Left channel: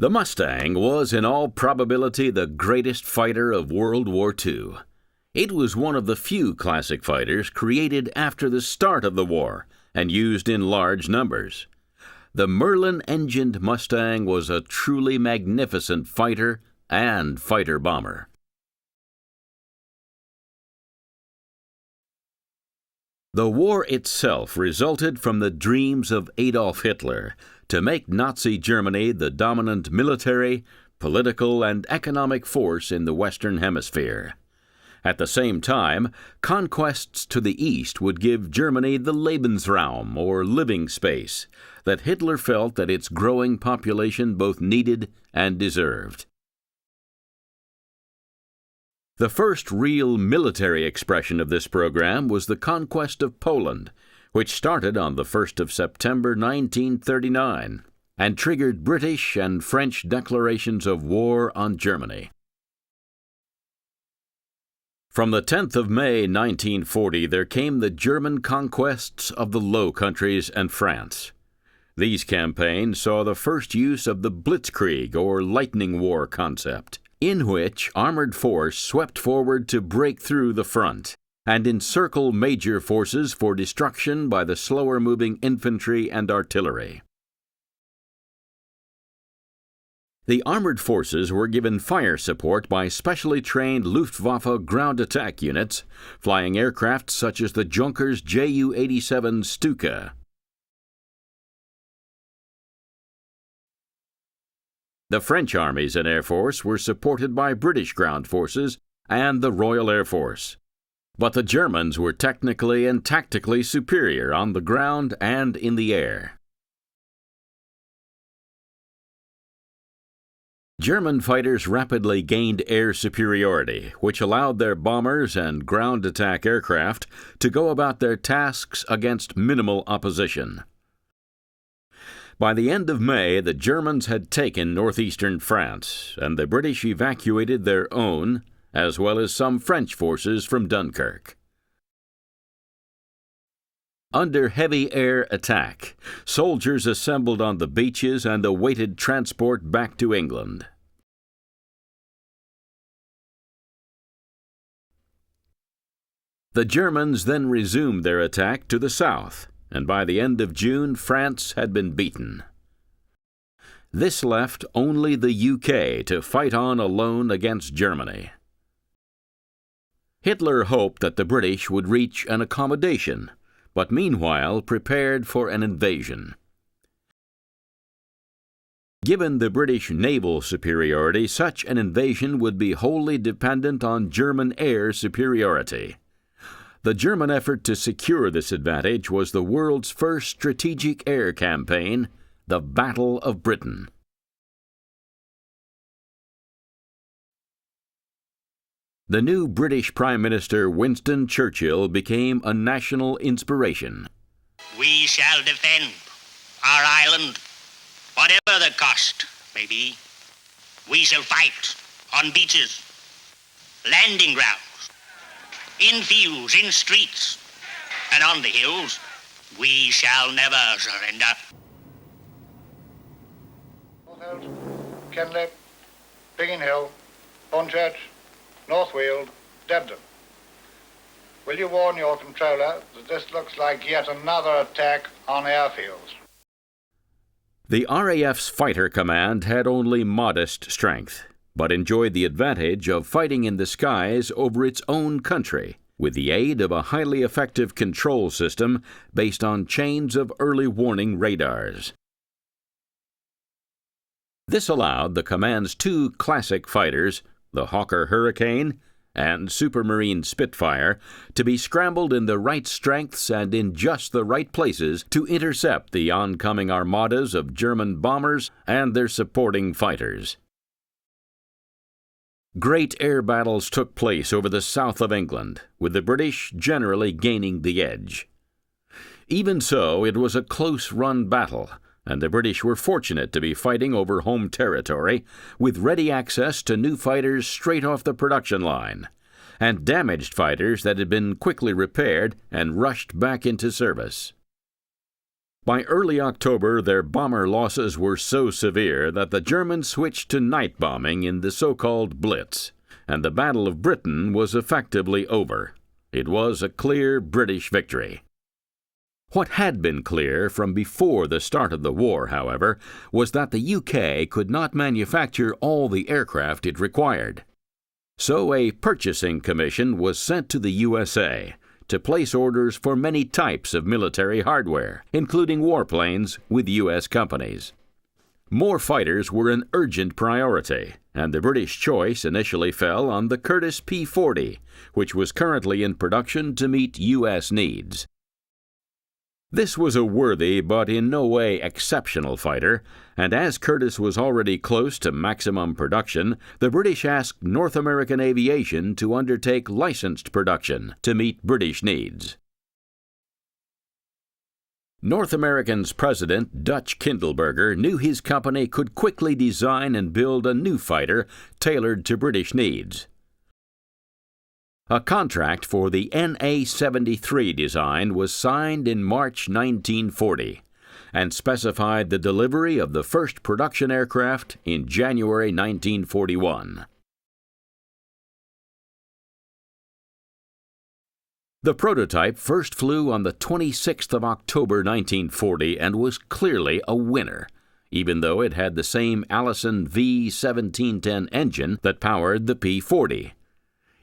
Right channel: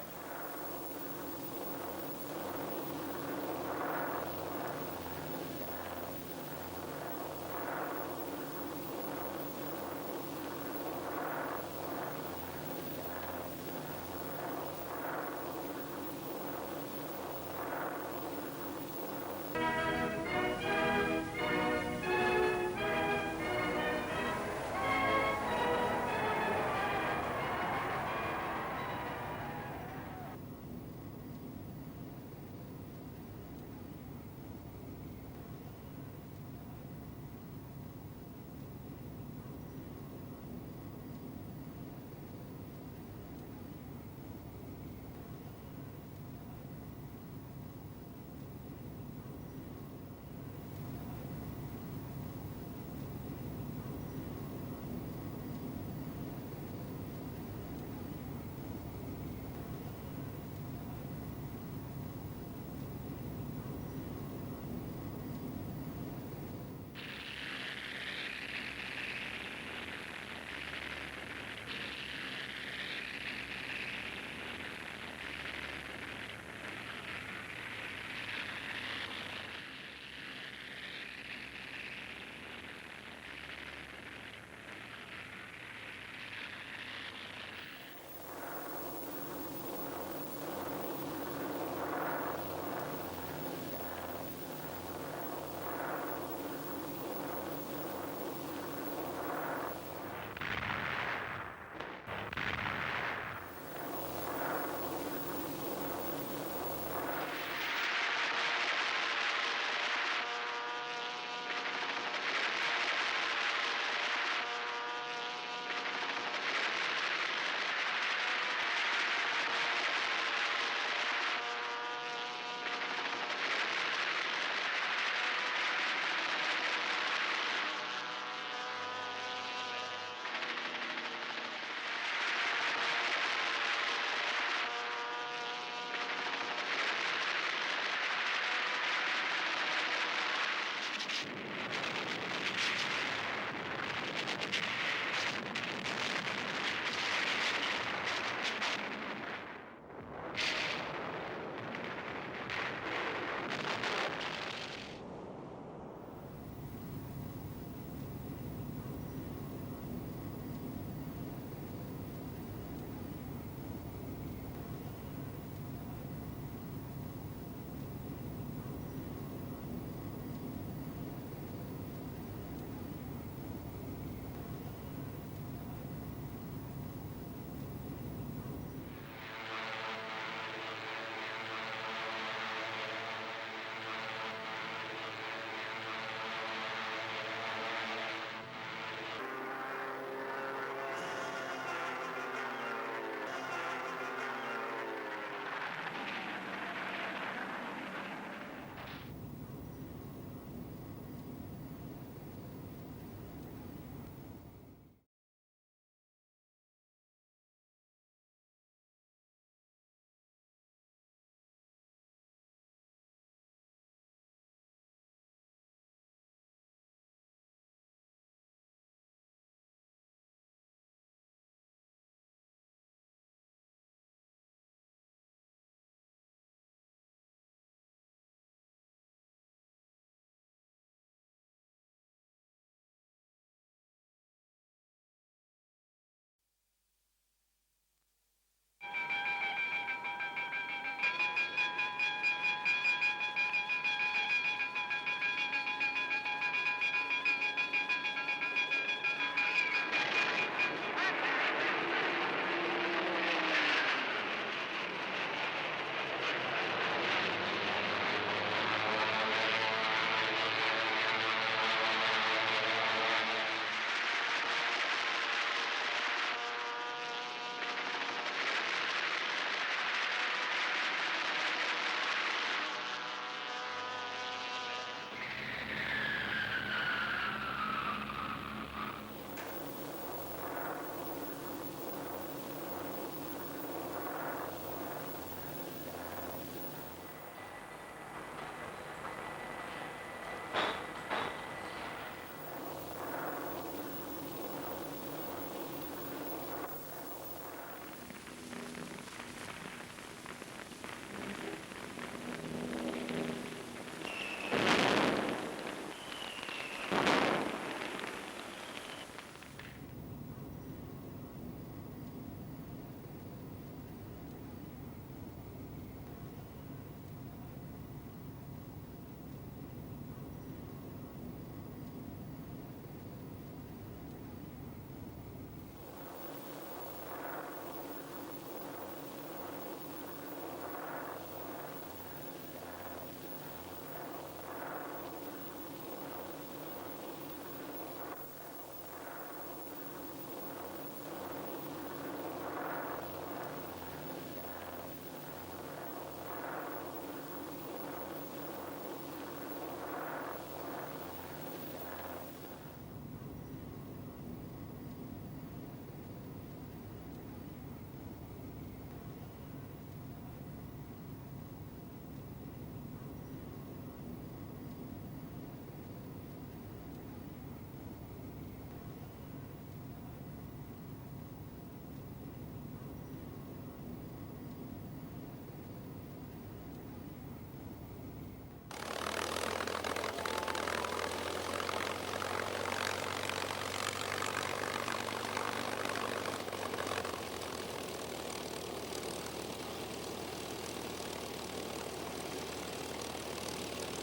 The Mustang was in all probability the greatest fighter of World War II. It was one of the few classic fighters created after the start of the war and used in large numbers. The Merlin-engined Mustang was a truly magnificent fighter and fighter-bomber. The war itself resulted from the dreams of Adolf Hitler to make Nazi Germany the dominant military, political, and economic force in the Western Hemisphere. At the same time, conquests to the east would give Germany the Lebensraum, or living space, that Hitler felt that its growing population both needed and deserved. The first real military expression of this program was the conquest of Poland, which started on the 1st of September 1939 and triggered British and French declarations of war on Germany. From the 10th of May 1940, there came the German conquests of the Low Countries and France. These campaigns saw the first use of the Blitzkrieg, or lightning war concept, in which armored force swept forward to break through the front and encircle major forces for destruction by the slower-moving infantry and artillery. The armored forces were given fire support by specially trained Luftwaffe ground attack units, flying aircraft such as the Junkers Ju-87 Stuka. The French armies and air force were supported by British ground forces and the Royal Air Force. But the Germans were technically and tactically superior on the ground and in the air. German fighters rapidly gained air superiority, which allowed their bombers and ground attack aircraft to go about their tasks against minimal opposition. By the end of May, the Germans had taken northeastern France, and the British evacuated their own, as well as some French forces from Dunkirk. Under heavy air attack, soldiers assembled on the beaches and awaited transport back to England. The Germans then resumed their attack to the south, and by the end of June, France had been beaten. This left only the UK to fight on alone against Germany. Hitler hoped that the British would reach an accommodation, but meanwhile prepared for an invasion. Given the British naval superiority, such an invasion would be wholly dependent on German air superiority. The German effort to secure this advantage was the world's first strategic air campaign, the Battle of Britain. The new British Prime Minister Winston Churchill became a national inspiration. We shall defend our island, whatever the cost may be. We shall fight on beaches, landing grounds, in fields, in streets, and on the hills. We shall never surrender. Kenley, Biggin Hill, Hornchurch, North Weald, Debden. Will you warn your controller that this looks like yet another attack on airfields? The RAF's fighter command had only modest strength, but enjoyed the advantage of fighting in the skies over its own country with the aid of a highly effective control system based on chains of early warning radars. This allowed the command's two classic fighters, the Hawker Hurricane and Supermarine Spitfire, to be scrambled in the right strengths and in just the right places to intercept the oncoming armadas of German bombers and their supporting fighters. Great air battles took place over the south of England, with the British generally gaining the edge. Even so, it was a close-run battle, and the British were fortunate to be fighting over home territory with ready access to new fighters straight off the production line, and damaged fighters that had been quickly repaired and rushed back into service. By early October, their bomber losses were so severe that the Germans switched to night bombing in the so-called Blitz, and the Battle of Britain was effectively over. It was a clear British victory. What had been clear from before the start of the war, however, was that the UK could not manufacture all the aircraft it required. So a purchasing commission was sent to the USA to place orders for many types of military hardware, including warplanes with U.S. companies. More fighters were an urgent priority, and the British choice initially fell on the Curtiss P-40, which was currently in production to meet U.S. needs. This was a worthy but in no way exceptional fighter, and as Curtiss was already close to maximum production, the British asked North American Aviation to undertake licensed production to meet British needs. North American's president, Dutch Kindleberger, knew his company could quickly design and build a new fighter tailored to British needs. A contract for the NA-73 design was signed in March 1940 and specified the delivery of the first production aircraft in January 1941. The prototype first flew on the 26th of October 1940 and was clearly a winner, even though it had the same Allison V1710 engine that powered the P-40.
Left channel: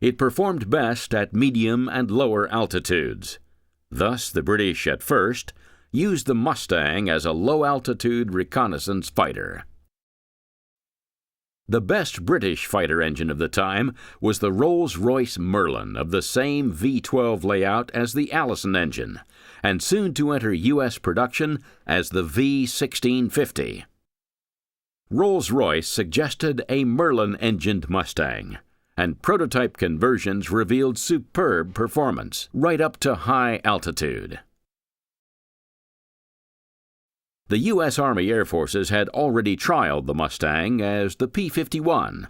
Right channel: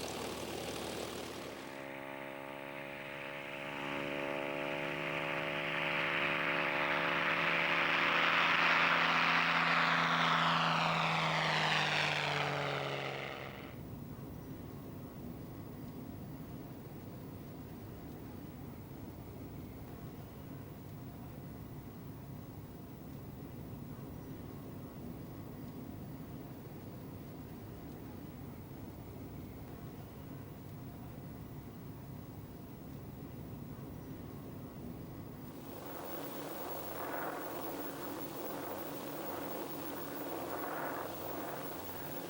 It performed best at medium and lower altitudes. Thus, the British at first used the Mustang as a low-altitude reconnaissance fighter. The best British fighter engine of the time was the Rolls-Royce Merlin of the same V12 layout as the Allison engine, and soon to enter U.S. production as the V1650. Rolls-Royce suggested a Merlin-engined Mustang, and prototype conversions revealed superb performance, right up to high altitude. The U.S. Army Air Forces had already trialed the Mustang as the P-51.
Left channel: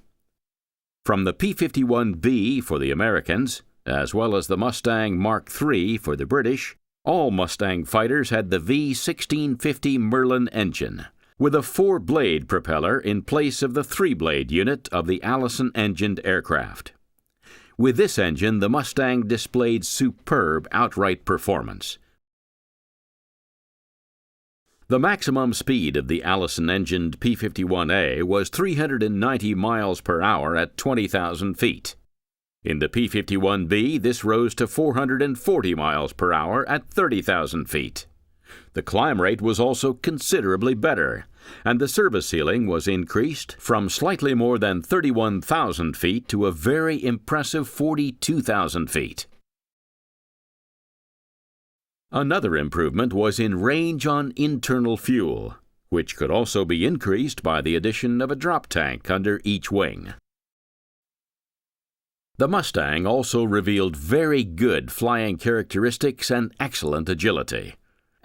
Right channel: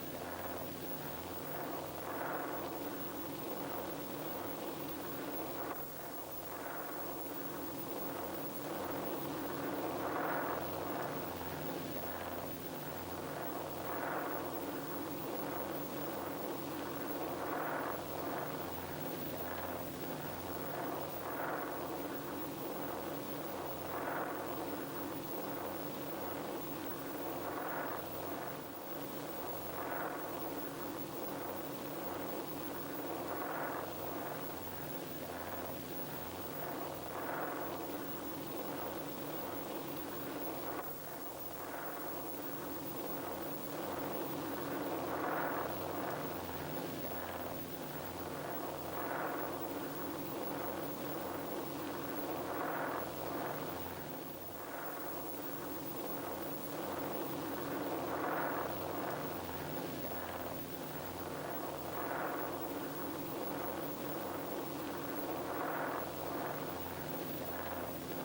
From the P-51B for the Americans, as well as the Mustang Mark III for the British, all Mustang fighters had the V1650 Merlin engine, with a 4-blade propeller in place of the 3-blade unit of the Allison-engined aircraft. With this engine, the Mustang displayed superb outright performance. The maximum speed of the Allison-engined P-51A was 390 miles per hour at 20,000 feet. In the P-51B, this rose to 440 miles per hour at 30,000 feet. The climb rate was also considerably better, and the service ceiling was increased from slightly more than 31,000 feet to a very impressive 42,000 feet. Another improvement was in range on internal fuel, which could also be increased by the addition of a drop tank under each wing. The Mustang also revealed very good flying characteristics and excellent agility.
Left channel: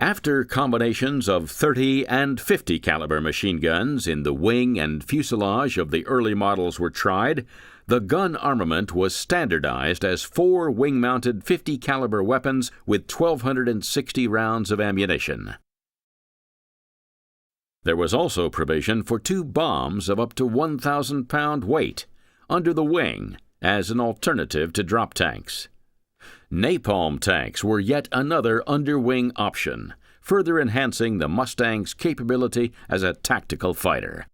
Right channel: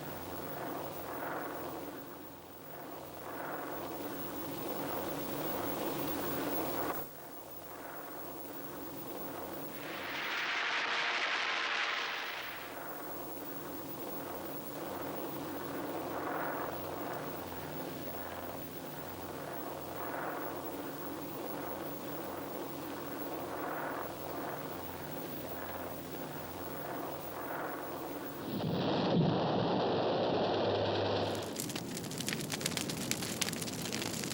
After combinations of 30 and 50 caliber machine guns in the wing and fuselage of the early models were tried, the gun armament was standardized as 4 wing-mounted 50 caliber weapons with 1,260 rounds of ammunition. There was also provision for 2 bombs of up to 1,000 pound weight under the wing as an alternative to drop tanks. Napalm tanks were yet another underwing option, further enhancing the Mustang's capability as a tactical fighter.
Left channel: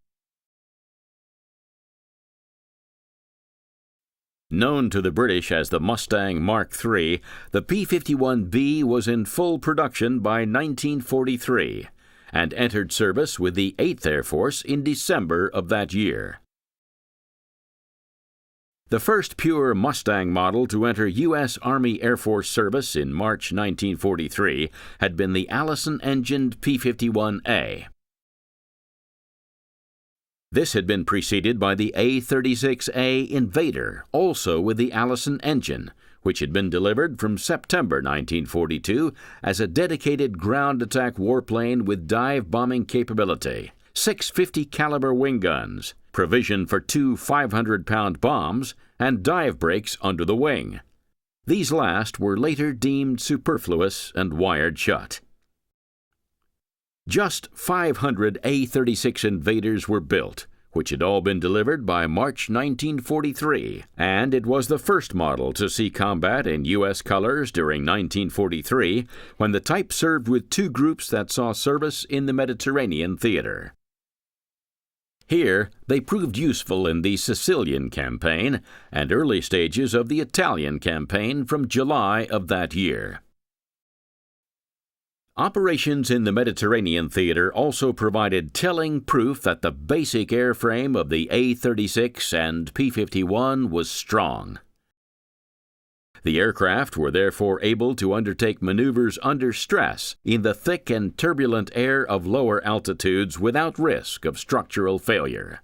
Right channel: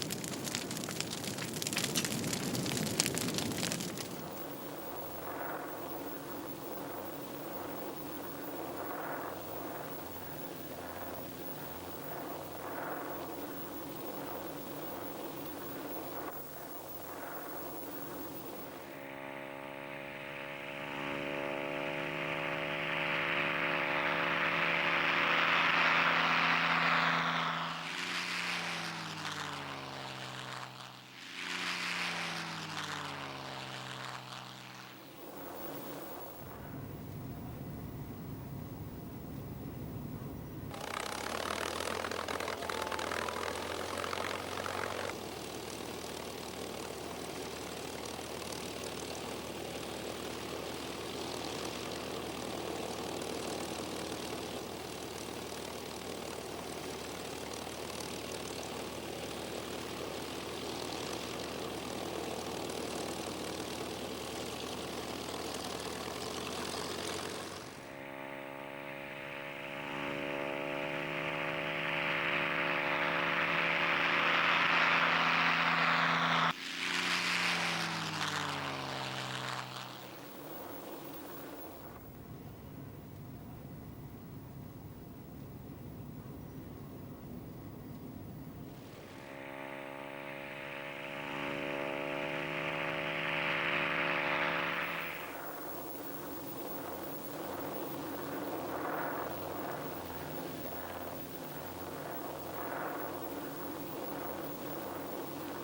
Known to the British as the Mustang Mark III, the P-51B was in full production by 1943 and entered service with the 8th Air Force in December of that year. The first pure Mustang model to enter U.S. Army Air Force service in March 1943 had been the Allison-engined P-51A. This had been preceded by the A-36A Invader, also with the Allison engine, which had been delivered from September 1942 as a dedicated ground attack warplane with dive bombing capability, 6 50 caliber wing guns, provision for 2 500-pound bombs, and dive brakes under the wing. These last were later deemed superfluous and wired shut. Just 500 A-36 Invaders were built, which had all been delivered by March 1943, and it was the first model to see combat in U.S. colors during 1943, when the type served with two groups that saw service in the Mediterranean theater. Here, they proved useful in the Sicilian campaign and early stages of the Italian campaign from July of that year. Operations in the Mediterranean theater also provided telling proof that the basic airframe of the A-36 and P-51 was strong. The aircraft were therefore able to undertake maneuvers under stress in the thick and turbulent air of lower altitudes without risk of structural failure.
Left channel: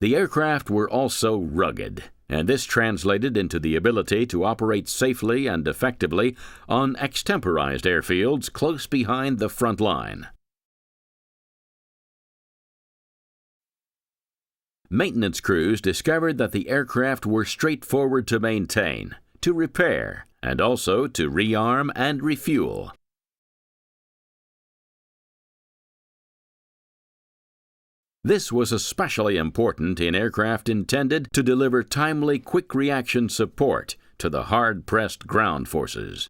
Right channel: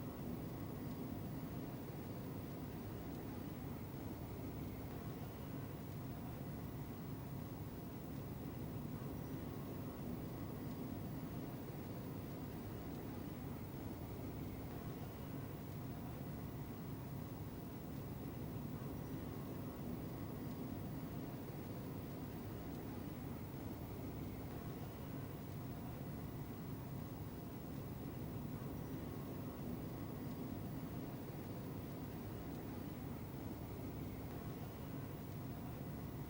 The aircraft were also rugged, and this translated into the ability to operate safely and effectively on extemporized airfields close behind the front line. Maintenance crews discovered that the aircraft were straightforward to maintain, to repair, and also to rearm and refuel. This was especially important in aircraft intended to deliver timely quick reaction support to the hard-pressed ground forces.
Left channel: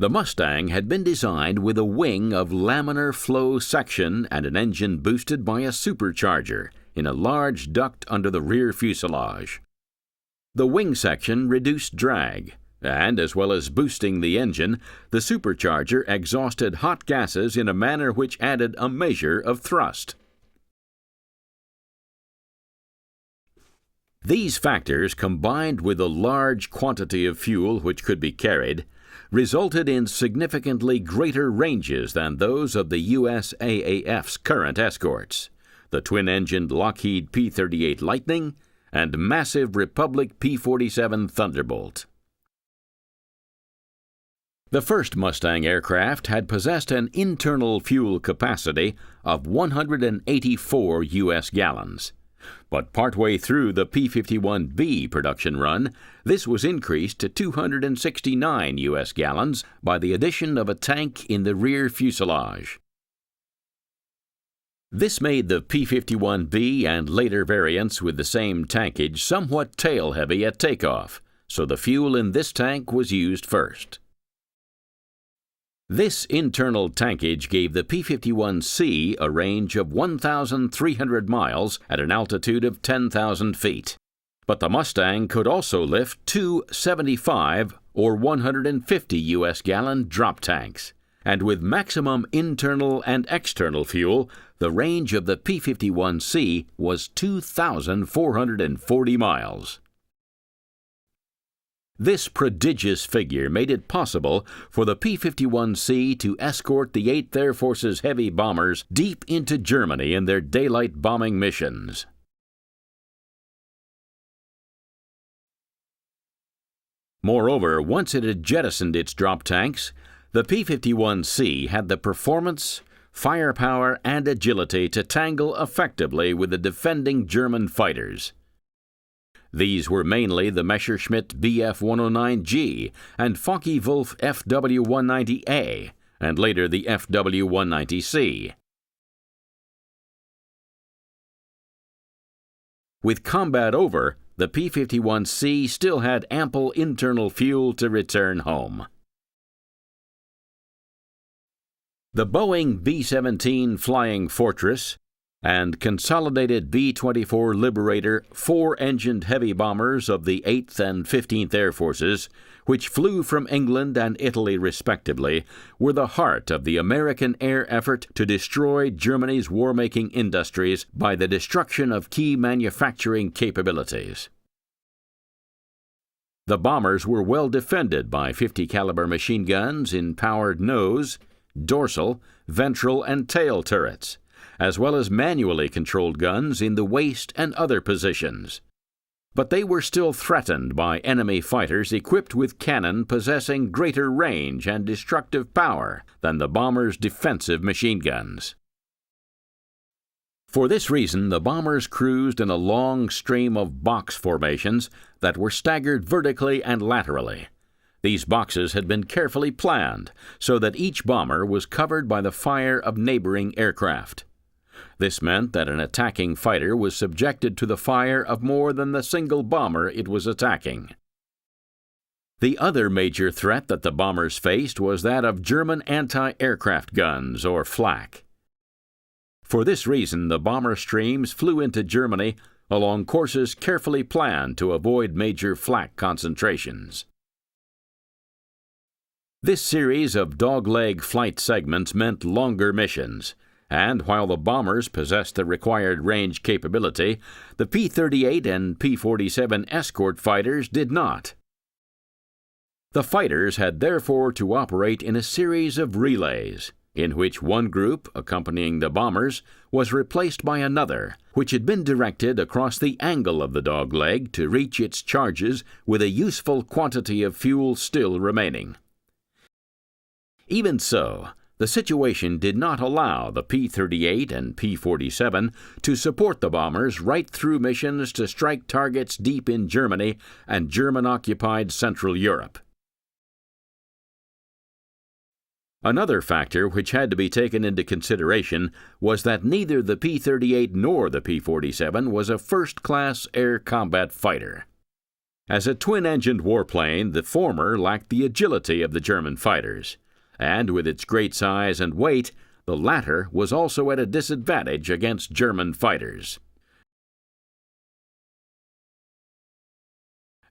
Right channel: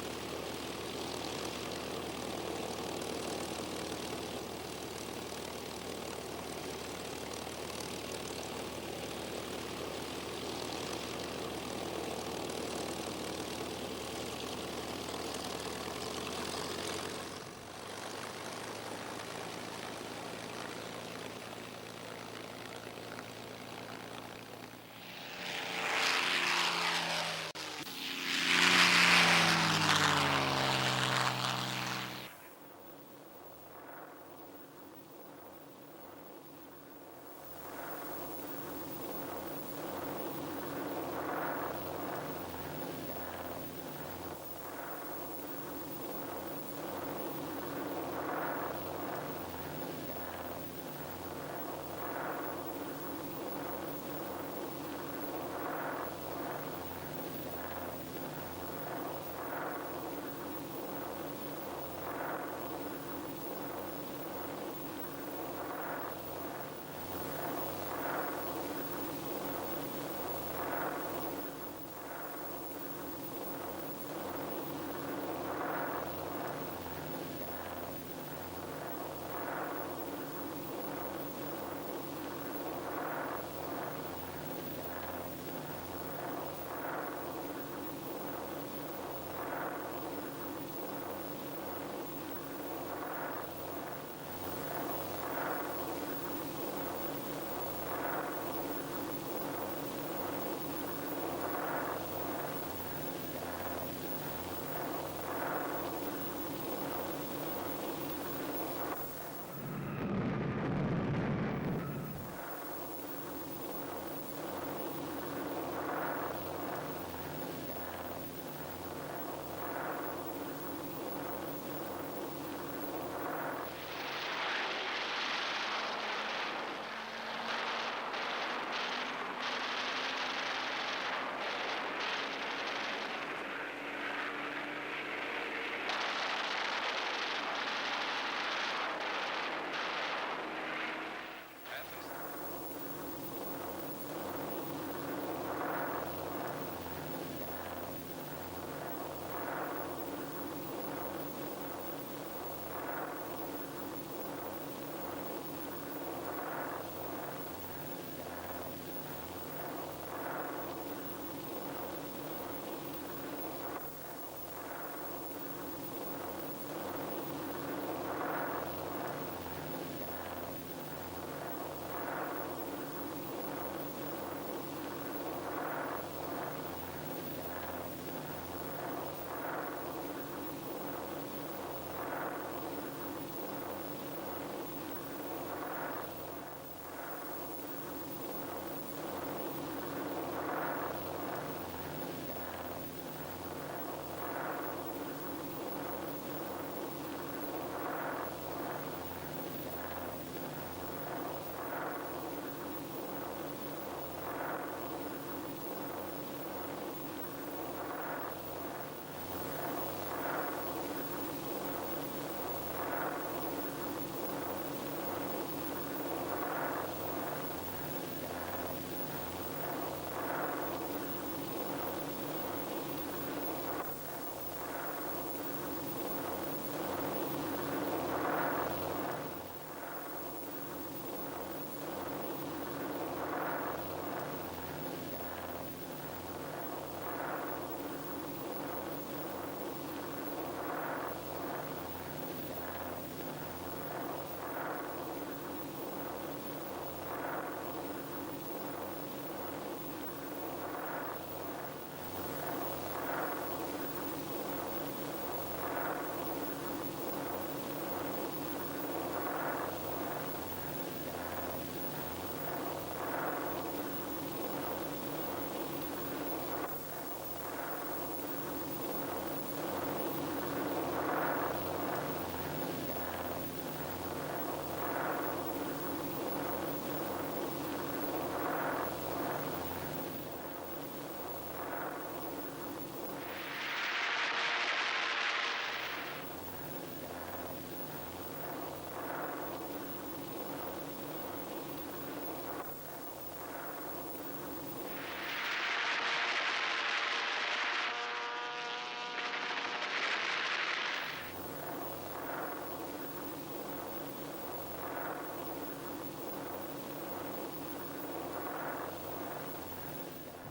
The Mustang had been designed with a wing of laminar flow section and an engine boosted by a supercharger in a large duct under the rear fuselage. The wing section reduced drag, and as well as boosting the engine, the supercharger exhausted hot gases in a manner which added a measure of thrust. These factors, combined with a large quantity of fuel which could be carried, resulted in significantly greater ranges than those of the USAAF's current escorts, the twin-engined Lockheed P-38 Lightning and massive Republic P-47 Thunderbolt. The first Mustang aircraft had possessed an internal fuel capacity of 184 U.S. gallons, but partway through the P-51B production run, this was increased to 269 U.S. gallons by the addition of a tank in the rear fuselage. This made the P-51B and later variants with the same tankage somewhat tail-heavy at takeoff, so the fuel in this tank was used first. This internal tankage gave the P-51C a range of 1,300 miles at an altitude of 10,000 feet. But the Mustang could also lift two 75 or 150 U.S. gallon drop tanks, and with maximum internal and external fuel, the range of the P-51C was 2,440 miles. This prodigious figure made it possible for the P-51C to escort the 8th Air Force's heavy bombers deep into Germany in their daylight bombing missions. Moreover, once it had jettisoned its drop tanks, the P-51C had the performance, firepower, and agility to tangle effectively with the defending German fighters. These were mainly the Messerschmitt Bf-109G and Focke-Wulf FW-190A, and later the FW-190C. With combat over, the P-51C still had ample internal fuel to return home. The Boeing B-17 Flying Fortress and consolidated B-24 Liberator four-engined heavy bombers of the 8th and 15th Air Forces, which flew from England and Italy respectively, were the heart of the American air effort to destroy Germany's war-making industries by the destruction of key manufacturing capabilities. The bombers were well defended by 50 caliber machine guns in powered nose, dorsal, ventral, and tail turrets, as well as manually controlled guns in the waist and other positions. But they were still threatened by enemy fighters equipped with cannon possessing greater range and destructive power than the bombers' defensive machine guns. For this reason, the bombers cruised in a long stream of box formations that were staggered vertically and laterally. These boxes had been carefully planned so that each bomber was covered by the fire of neighboring aircraft. This meant that an attacking fighter was subjected to the fire of more than the single bomber it was attacking. The other major threat that the bombers faced was that of German anti-aircraft guns, or flak. For this reason, the bomber streams flew into Germany along courses carefully planned to avoid major flak concentrations. This series of dogleg flight segments meant longer missions, and while the bombers possessed the required range capability, the P-38 and P-47 escort fighters did not. The fighters had therefore to operate in a series of relays, in which one group, accompanying the bombers, was replaced by another, which had been directed across the angle of the dogleg to reach its charges with a useful quantity of fuel still remaining. Even so, the situation did not allow the P-38 and P-47 to support the bombers right through missions to strike targets deep in Germany and German-occupied Central Europe. Another factor which had to be taken into consideration was that neither the P-38 nor the P-47 was a first-class air combat fighter. As a twin-engined warplane, the former lacked the agility of the German fighters, and with its great size and weight, the latter was also at a disadvantage against German fighters.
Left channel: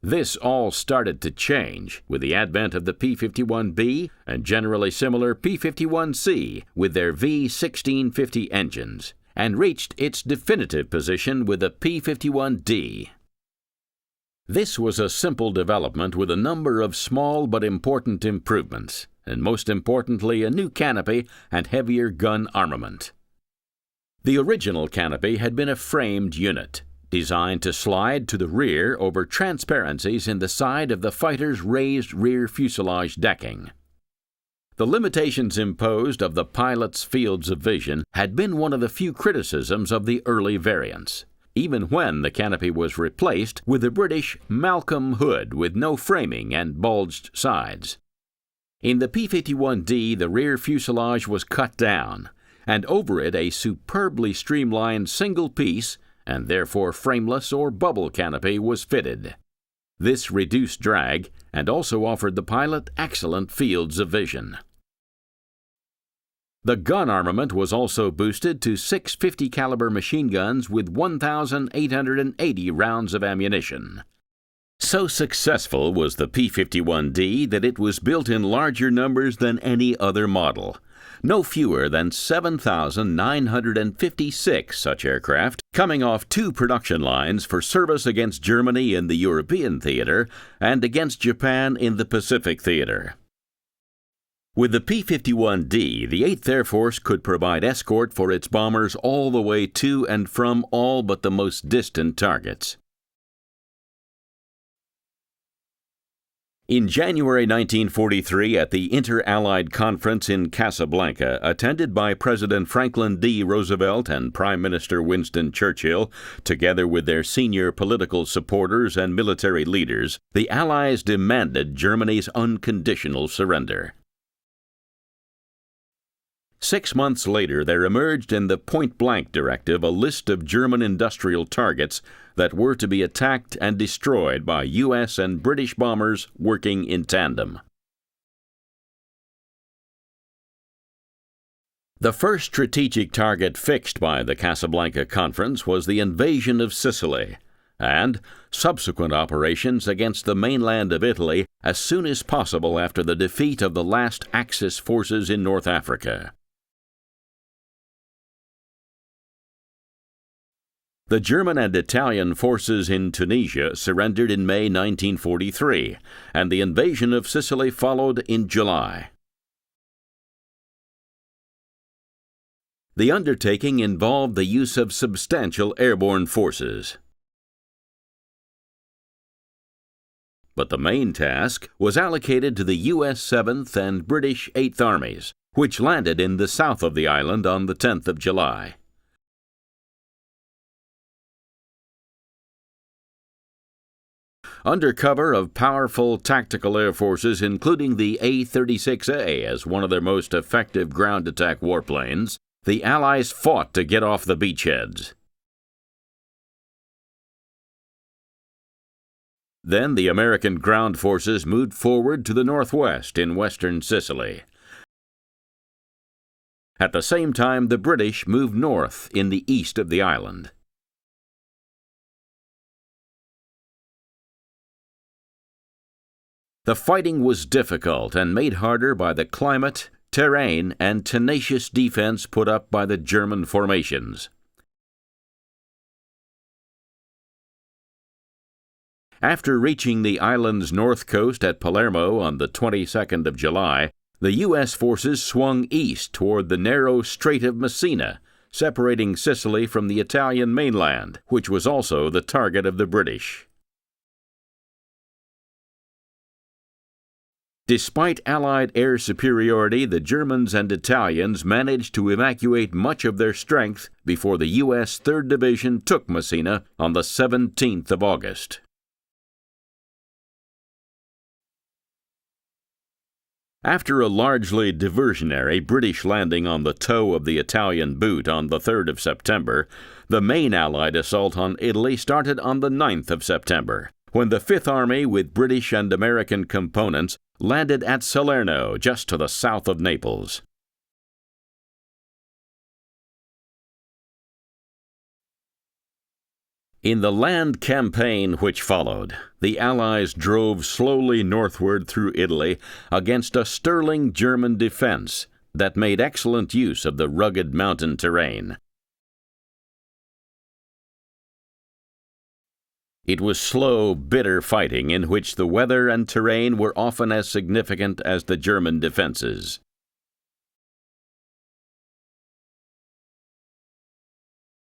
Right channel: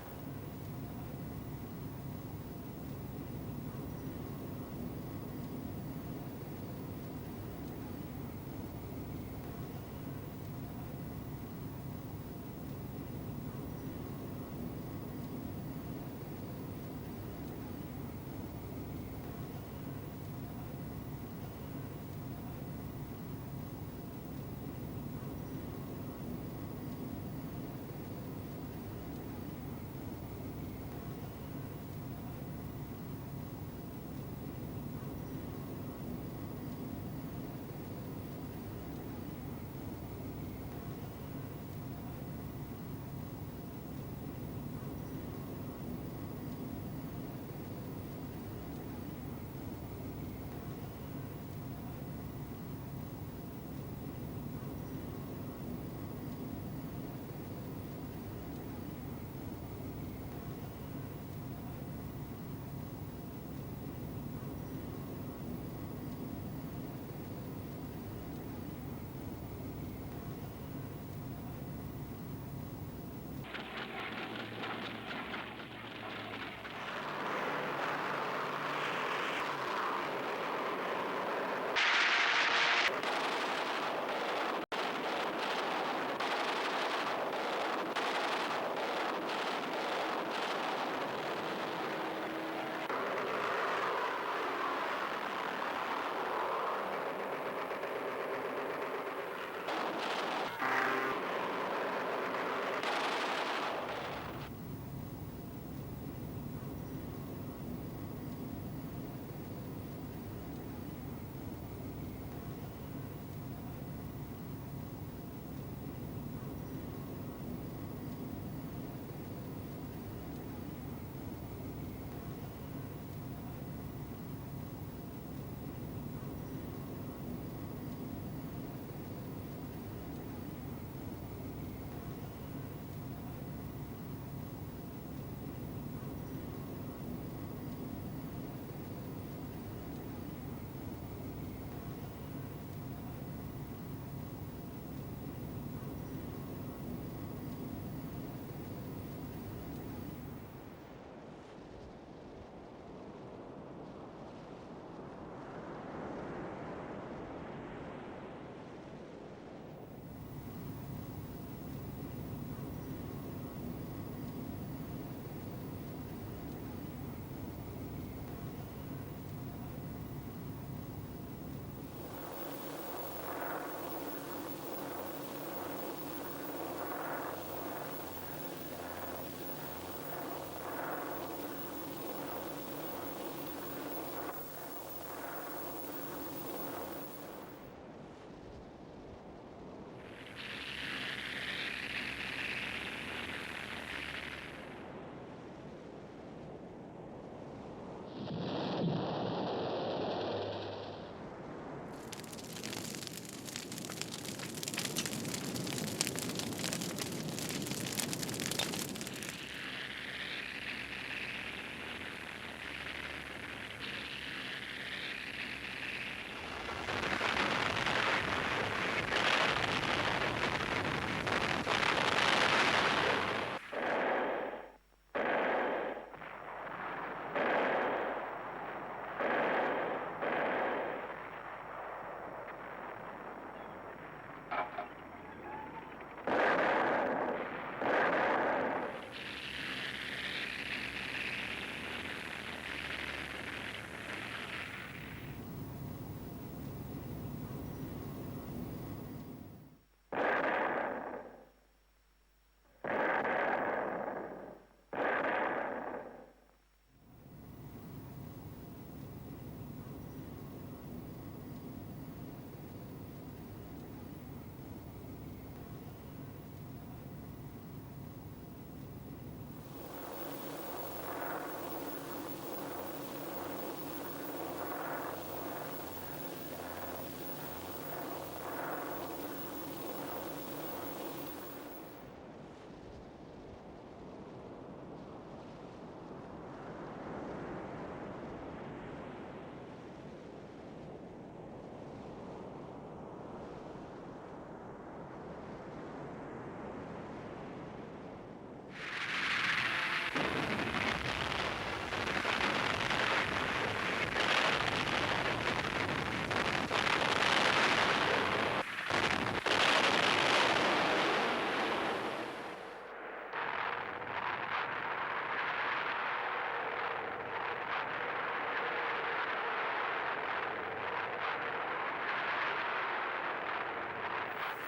This all started to change with the advent of the P-51B and generally similar P-51C with their V-1650 engines, and reached its definitive position with the P-51D. This was a simple development with a number of small but important improvements, and most importantly a new canopy and heavier gun armament. The original canopy had been a framed unit, designed to slide to the rear over transparencies in the side of the fighter's raised rear fuselage decking. The limitations imposed of the pilot's fields of vision had been one of the few criticisms of the early variants, even when the canopy was replaced with the British Malcolm hood with no framing and bulged sides. In the P-51D, the rear fuselage was cut down, and over it a superbly streamlined single-piece and therefore frameless or bubble canopy was fitted. This reduced drag and also offered the pilot excellent fields of vision. The gun armament was also boosted to 650 caliber machine guns with 1,880 rounds of ammunition. So successful was the P-51D that it was built in larger numbers than any other model. No fewer than 7,956 such aircraft coming off 2 production lines for service against Germany in the European theater and against Japan in the Pacific theater. With the P-51D, the 8th Air Force could provide escort for its bombers all the way to and from all but the most distant targets. In January 1943, at the Inter-Allied Conference in Casablanca, attended by President Franklin D. Roosevelt and Prime Minister Winston Churchill, together with their senior political supporters and military leaders, the Allies demanded Germany's unconditional surrender. 6 months later, there emerged in the Point-Blank Directive a list of German industrial targets that were to be attacked and destroyed by U.S. and British bombers working in tandem. The first strategic target fixed by the Casablanca Conference was the invasion of Sicily, and subsequent operations against the mainland of Italy as soon as possible after the defeat of the last Axis forces in North Africa. The German and Italian forces in Tunisia surrendered in May 1943, and the invasion of Sicily followed in July. The undertaking involved the use of substantial airborne forces. But the main task was allocated to the U.S. 7th and British 8th Armies, which landed in the south of the island on the 10th of July. under cover of powerful tactical air forces, including the A-36A as one of their most effective ground attack warplanes, the Allies fought to get off the beachheads. Then the American ground forces moved forward to the northwest in western Sicily. At the same time, the British moved north in the east of the island. The fighting was difficult and made harder by the climate, terrain, and tenacious defense put up by the German formations. After reaching the island's north coast at Palermo on the 22nd of July, the U.S. forces swung east toward the narrow Strait of Messina, separating Sicily from the Italian mainland, which was also the target of the British. Despite Allied air superiority, the Germans and Italians managed to evacuate much of their strength before the U.S. 3rd Division took Messina on the 17th of August. After a largely diversionary British landing on the toe of the Italian boot on the 3rd of September, the main Allied assault on Italy started on the 9th of September, when the Fifth Army, with British and American components, landed at Salerno, just to the south of Naples. In the land campaign which followed, the Allies drove slowly northward through Italy against a sterling German defense that made excellent use of the rugged mountain terrain. It was slow, bitter fighting in which the weather and terrain were often as significant as the German defenses.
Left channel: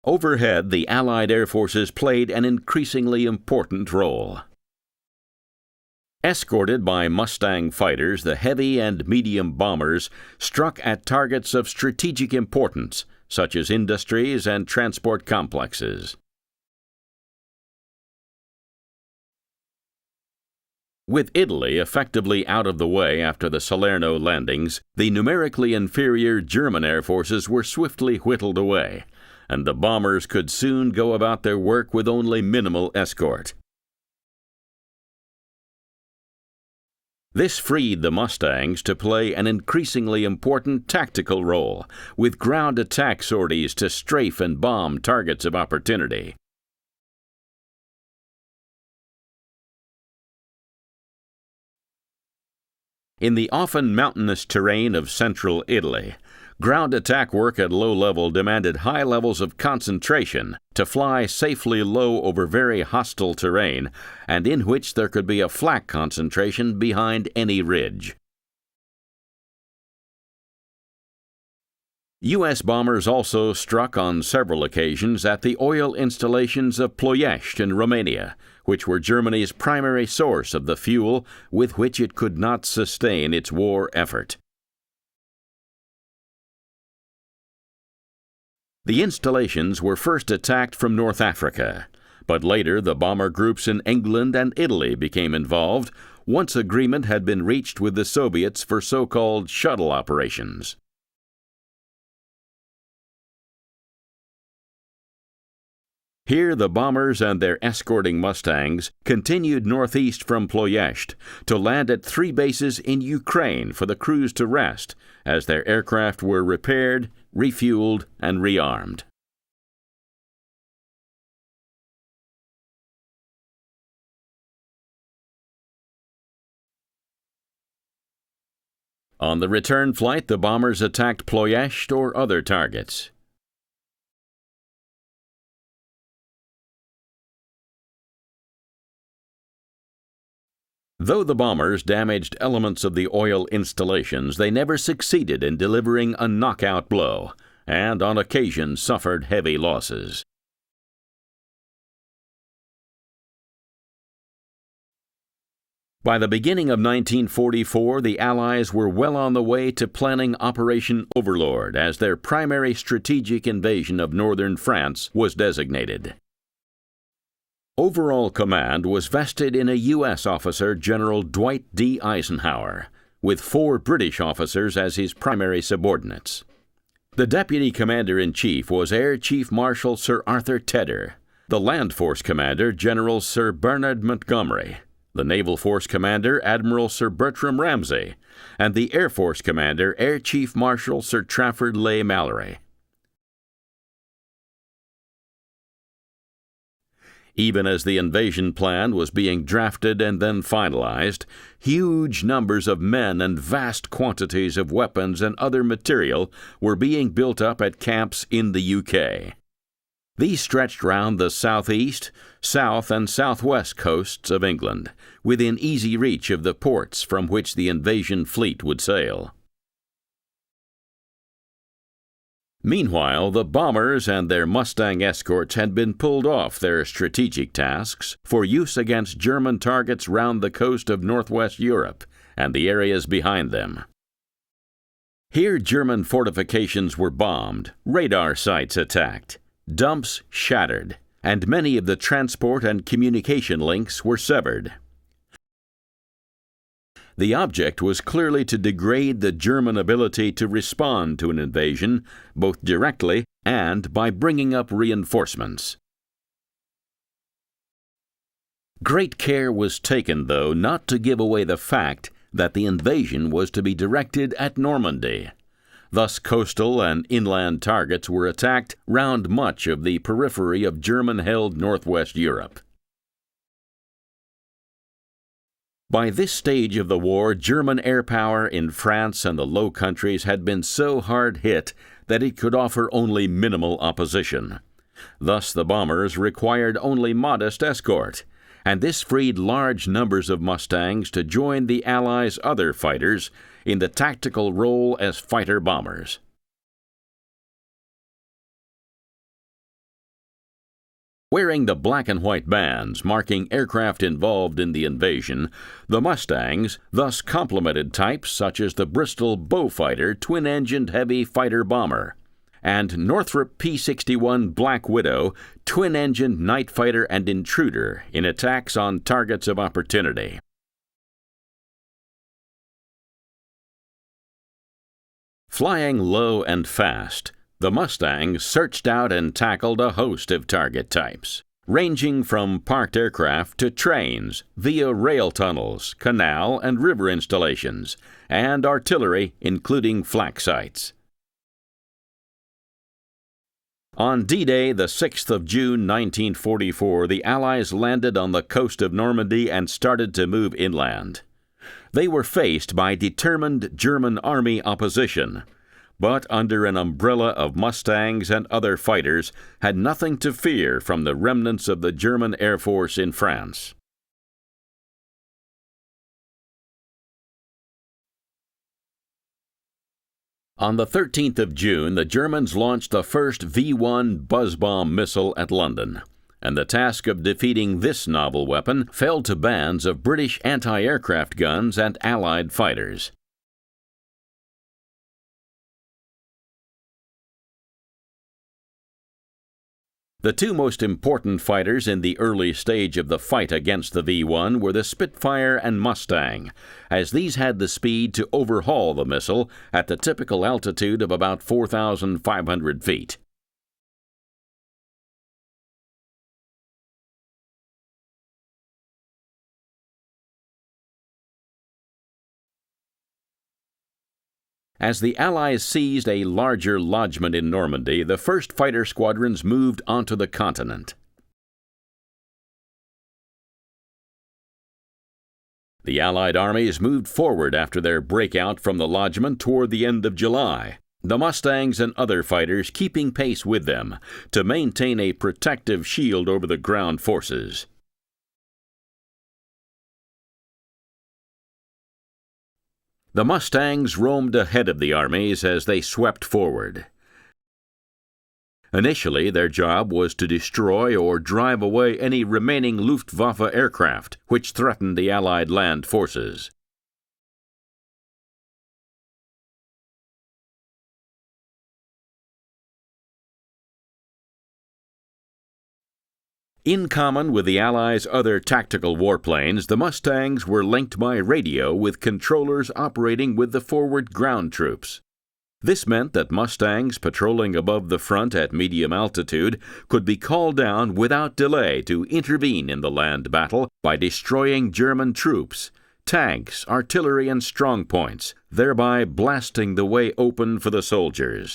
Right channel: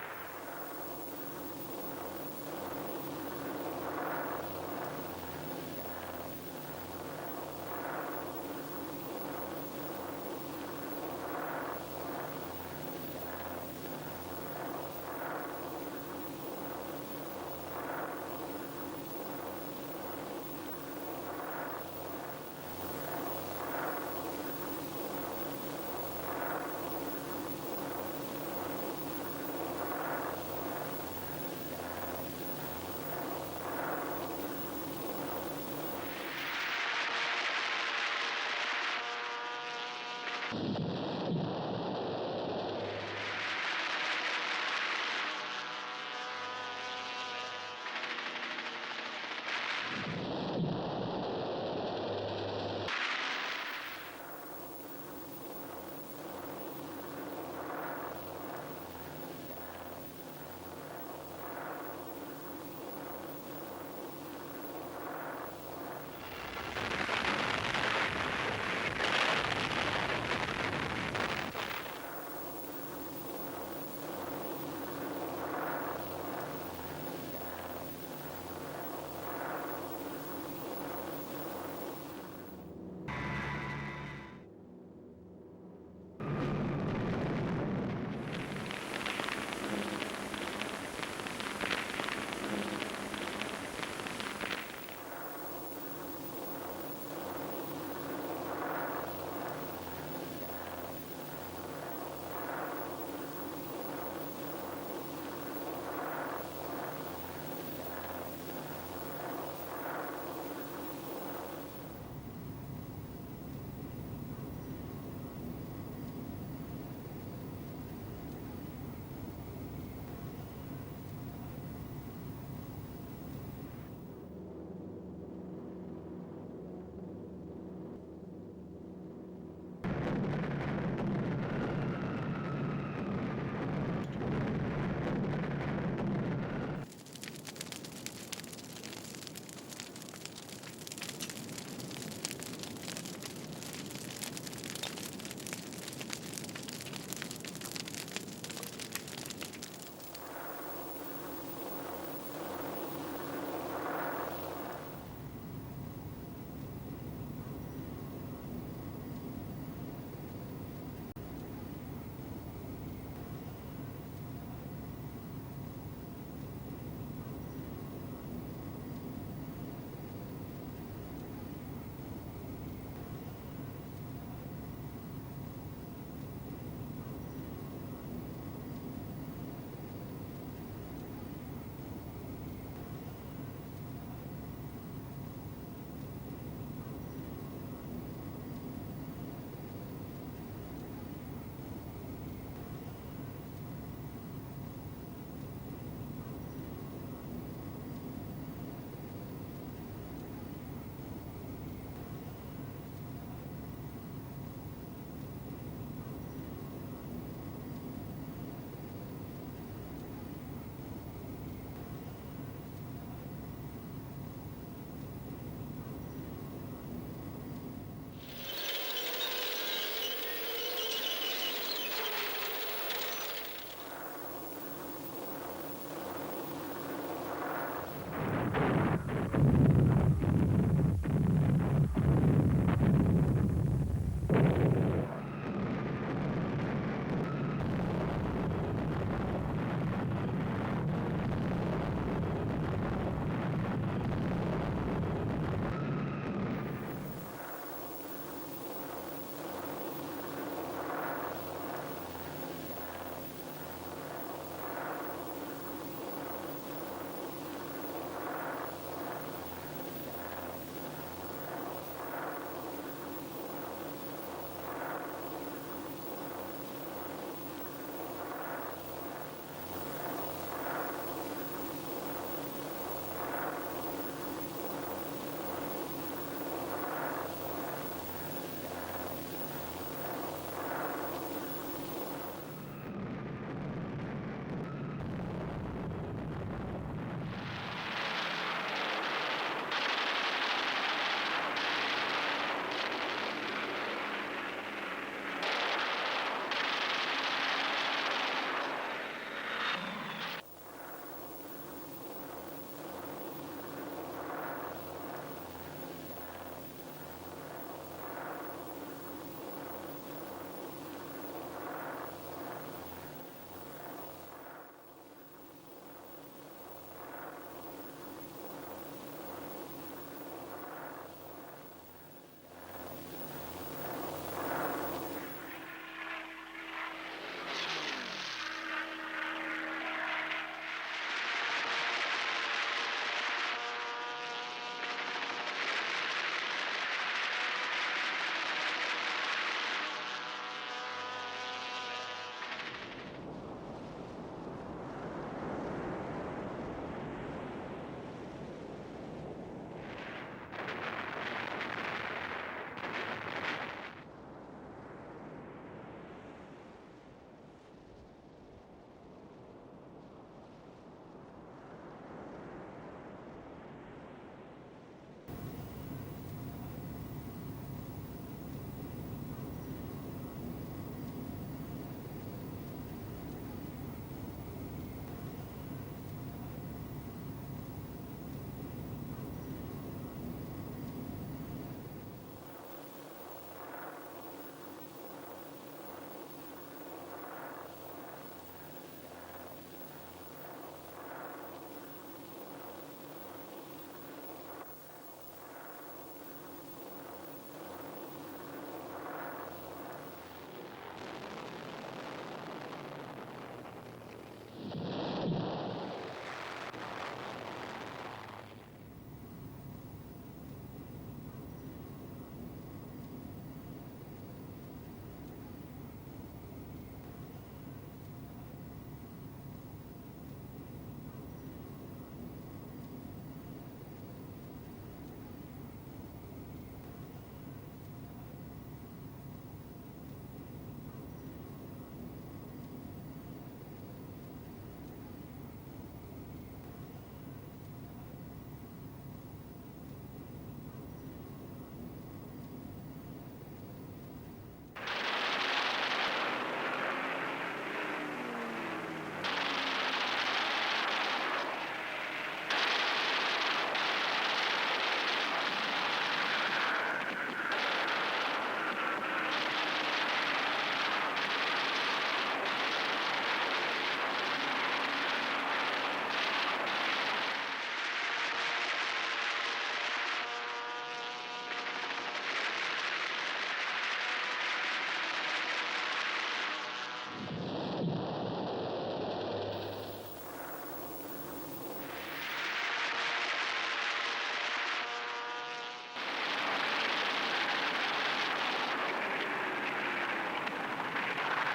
Overhead, the Allied air forces played an increasingly important role. Escorted by Mustang fighters, the heavy and medium bombers struck at targets of strategic importance, such as industries and transport complexes. With Italy effectively out of the way after the Salerno landings, the numerically inferior German air forces were swiftly whittled away, and the bombers could soon go about their work with only minimal escort. This freed the Mustangs to play an increasingly important tactical role, with ground attack sorties to strafe and bomb targets of opportunity. In the often mountainous terrain of central Italy, ground attack work at low level demanded high levels of concentration to fly safely low over very hostile terrain, and in which there could be a flak concentration behind any ridge. U.S. bombers also struck on several occasions at the oil installations of Ploiești in Romania, which were Germany's primary source of the fuel with which it could not sustain its war effort. The installations were first attacked from North Africa, but later the bomber groups in England and Italy became involved once agreement had been reached with the Soviets for so-called shuttle operations. Here the bombers and their escorting Mustangs continued northeast from Ploiești to land at 3 bases in Ukraine for the crews to rest as their aircraft were repaired, refueled, and rearmed. On the return flight, the bombers attacked Ploiești or other targets. Though the bombers damaged elements of the oil installations, they never succeeded in delivering a knockout blow, and on occasion suffered heavy losses. By the beginning of 1944, the Allies were well on the way to planning Operation Overlord as their primary strategic invasion of northern France was designated. Overall command was vested in a U.S. officer, General Dwight D. Eisenhower, with 4 British officers as his primary subordinates. The Deputy Commander-in-Chief was Air Chief Marshal Sir Arthur Tedder, the Land Force Commander, General Sir Bernard Montgomery, the Naval Force Commander, Admiral Sir Bertram Ramsay, and the Air Force Commander, Air Chief Marshal Sir Trafford Leigh Mallory. Even as the invasion plan was being drafted and then finalized, huge numbers of men and vast quantities of weapons and other material were being built up at camps in the UK. These stretched round the southeast, south, and southwest coasts of England, within easy reach of the ports from which the invasion fleet would sail. Meanwhile, the bombers and their Mustang escorts had been pulled off their strategic tasks for use against German targets round the coast of northwest Europe and the areas behind them. Here, German fortifications were bombed, radar sites attacked, dumps shattered, and many of the transport and communication links were severed. The object was clearly to degrade the German ability to respond to an invasion, both directly and by bringing up reinforcements. Great care was taken, though, not to give away the fact that the invasion was to be directed at Normandy. Thus, coastal and inland targets were attacked round much of the periphery of German-held northwest Europe. By this stage of the war, German air power in France and the Low Countries had been so hard hit that it could offer only minimal opposition. Thus, the bombers required only modest escort, and this freed large numbers of Mustangs to join the Allies' other fighters in the tactical role as fighter bombers. Wearing the black and white bands marking aircraft involved in the invasion, the Mustangs thus complemented types such as the Bristol Beaufighter twin-engined heavy fighter bomber and Northrop P-61 Black Widow twin-engined night fighter and intruder in attacks on targets of opportunity. Flying low and fast, the Mustangs searched out and tackled a host of target types, ranging from parked aircraft to trains, via rail tunnels, canal and river installations, and artillery, including flak sites. On D-Day, the 6th of June 1944, the Allies landed on the coast of Normandy and started to move inland. They were faced by determined German army opposition, but under an umbrella of Mustangs and other fighters, had nothing to fear from the remnants of the German Air Force in France. On the 13th of June, the Germans launched the first V-1 buzz bomb missile at London, and the task of defeating this novel weapon fell to bands of British anti-aircraft guns and Allied fighters. The two most important fighters in the early stage of the fight against the V-1 were the Spitfire and Mustang, as these had the speed to overhaul the missile at the typical altitude of about 4,500 feet. As the Allies seized a larger lodgment in Normandy, the first fighter squadrons moved onto the continent. The Allied armies moved forward after their breakout from the lodgment toward the end of July, the Mustangs and other fighters keeping pace with them to maintain a protective shield over the ground forces. The Mustangs roamed ahead of the armies as they swept forward. Initially, their job was to destroy or drive away any remaining Luftwaffe aircraft which threatened the Allied land forces. In common with the Allies' other tactical warplanes, the Mustangs were linked by radio with controllers operating with the forward ground troops. This meant that Mustangs patrolling above the front at medium altitude could be called down without delay to intervene in the land battle by destroying German troops, tanks, artillery, and strong points, thereby blasting the way open for the soldiers.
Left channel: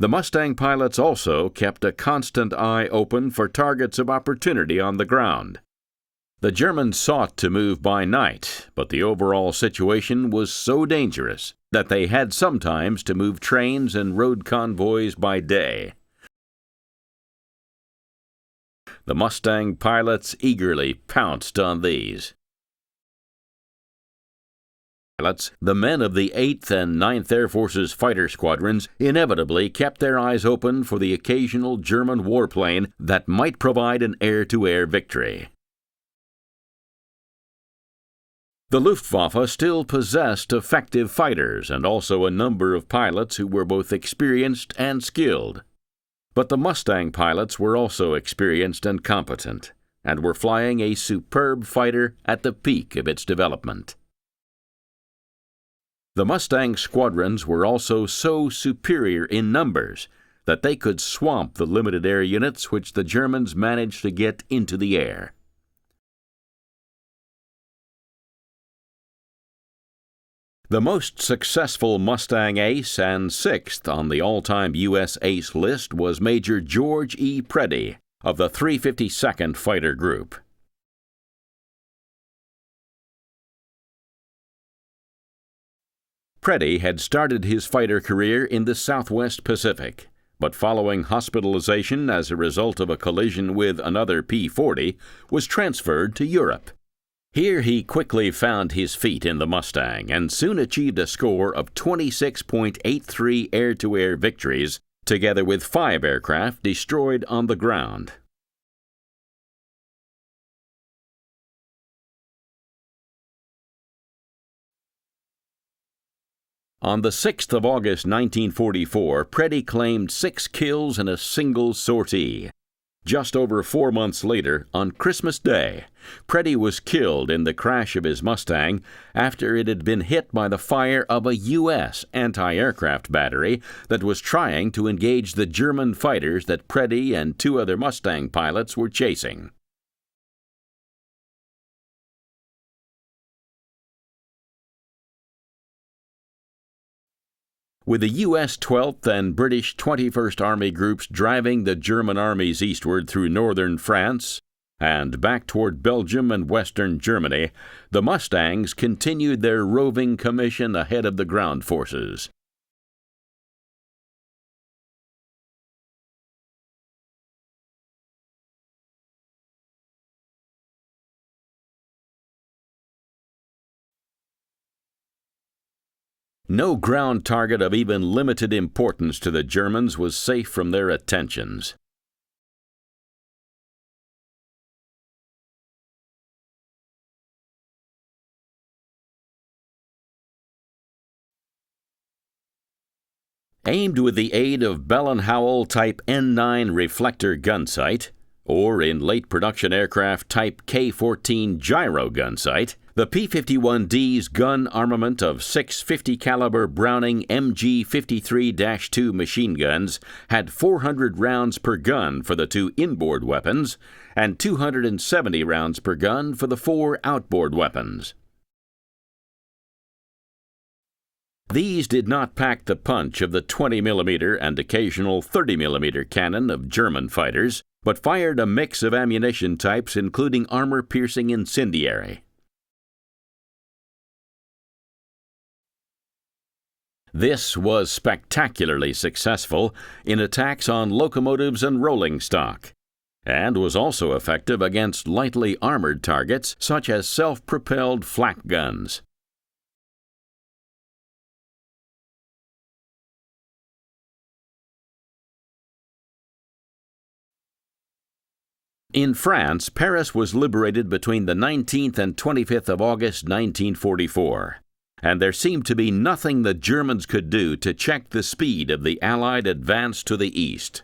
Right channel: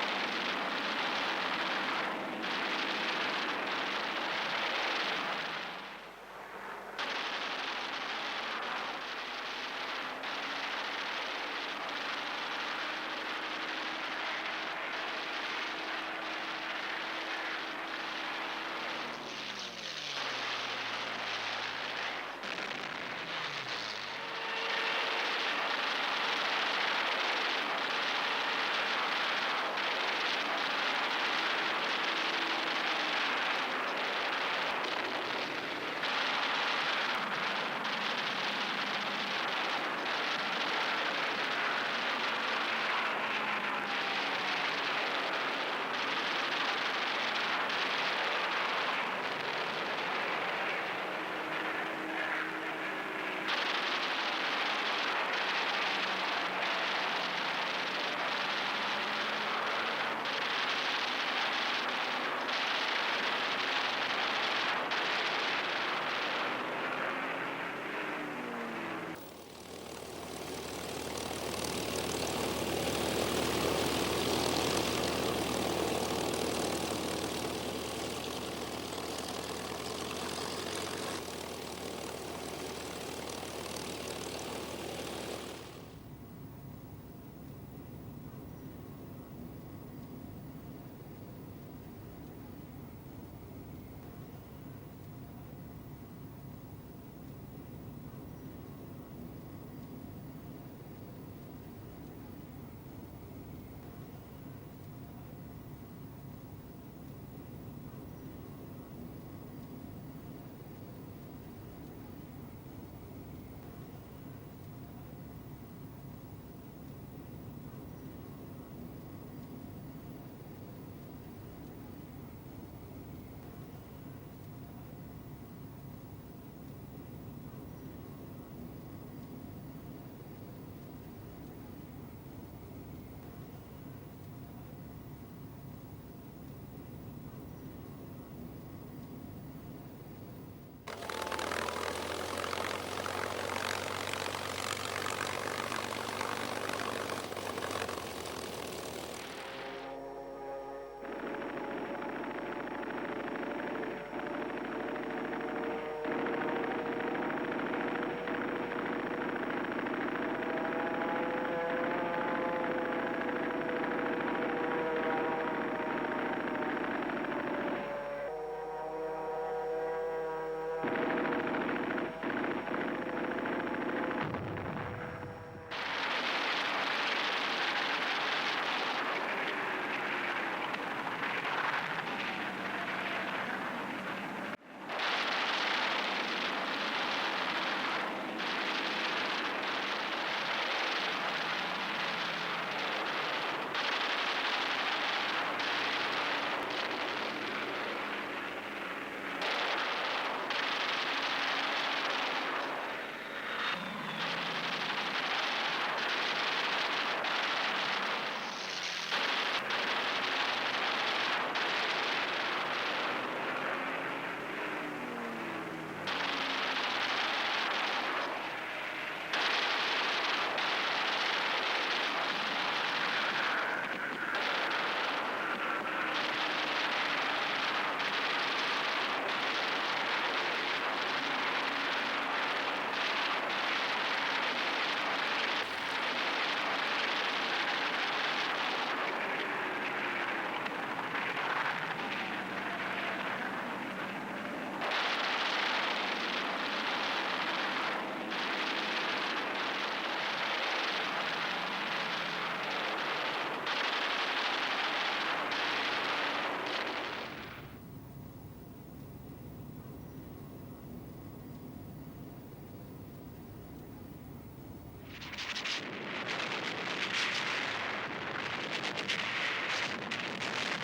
The Mustang pilots also kept a constant eye open for targets of opportunity on the ground. The Germans sought to move by night, but the overall situation was so dangerous that they had sometimes to move trains and road convoys by day. The Mustang pilots eagerly pounced on these. The men of the 8th and 9th Air Force's fighter squadrons inevitably kept their eyes open for the occasional German warplane that might provide an air-to-air victory. The Luftwaffe still possessed effective fighters and also a number of pilots who were both experienced and skilled. But the Mustang pilots were also experienced and competent, and were flying a superb fighter at the peak of its development. The Mustang squadrons were also so superior in numbers that they could swamp the limited air units which the Germans managed to get into the air. The most successful Mustang ace and 6th on the all-time U.S. ace list was Major George E. Preddy of the 352nd Fighter Group. Preddy had started his fighter career in the Southwest Pacific, but following hospitalization as a result of a collision with another P-40, was transferred to Europe. Here he quickly found his feet in the Mustang and soon achieved a score of 26.83 air-to-air victories, together with 5 aircraft destroyed on the ground. On the 6th of August 1944, Preddy claimed 6 kills in a single sortie. Just over 4 months later, on Christmas Day, Preddy was killed in the crash of his Mustang after it had been hit by the fire of a U.S. anti-aircraft battery that was trying to engage the German fighters that Preddy and 2 other Mustang pilots were chasing. With the U.S. 12th and British 21st Army groups driving the German armies eastward through northern France and back toward Belgium and western Germany, the Mustangs continued their roving commission ahead of the ground forces. No ground target of even limited importance to the Germans was safe from their attentions. Aimed with the aid of Bell & Howell Type N9 reflector gun sight, or in late production aircraft Type K-14 gyro gun sight, the P-51D's gun armament of 6 50 caliber Browning MG-53-2 machine guns had 400 rounds per gun for the 2 inboard weapons and 270 rounds per gun for the 4 outboard weapons. These did not pack the punch of the 20mm and occasional 30mm cannon of German fighters, but fired a mix of ammunition types including armor-piercing incendiary. This was spectacularly successful in attacks on locomotives and rolling stock, and was also effective against lightly armored targets such as self-propelled flak guns. In France, Paris was liberated between the 19th and 25th of August 1944. and there seemed to be nothing the Germans could do to check the speed of the Allied advance to the east.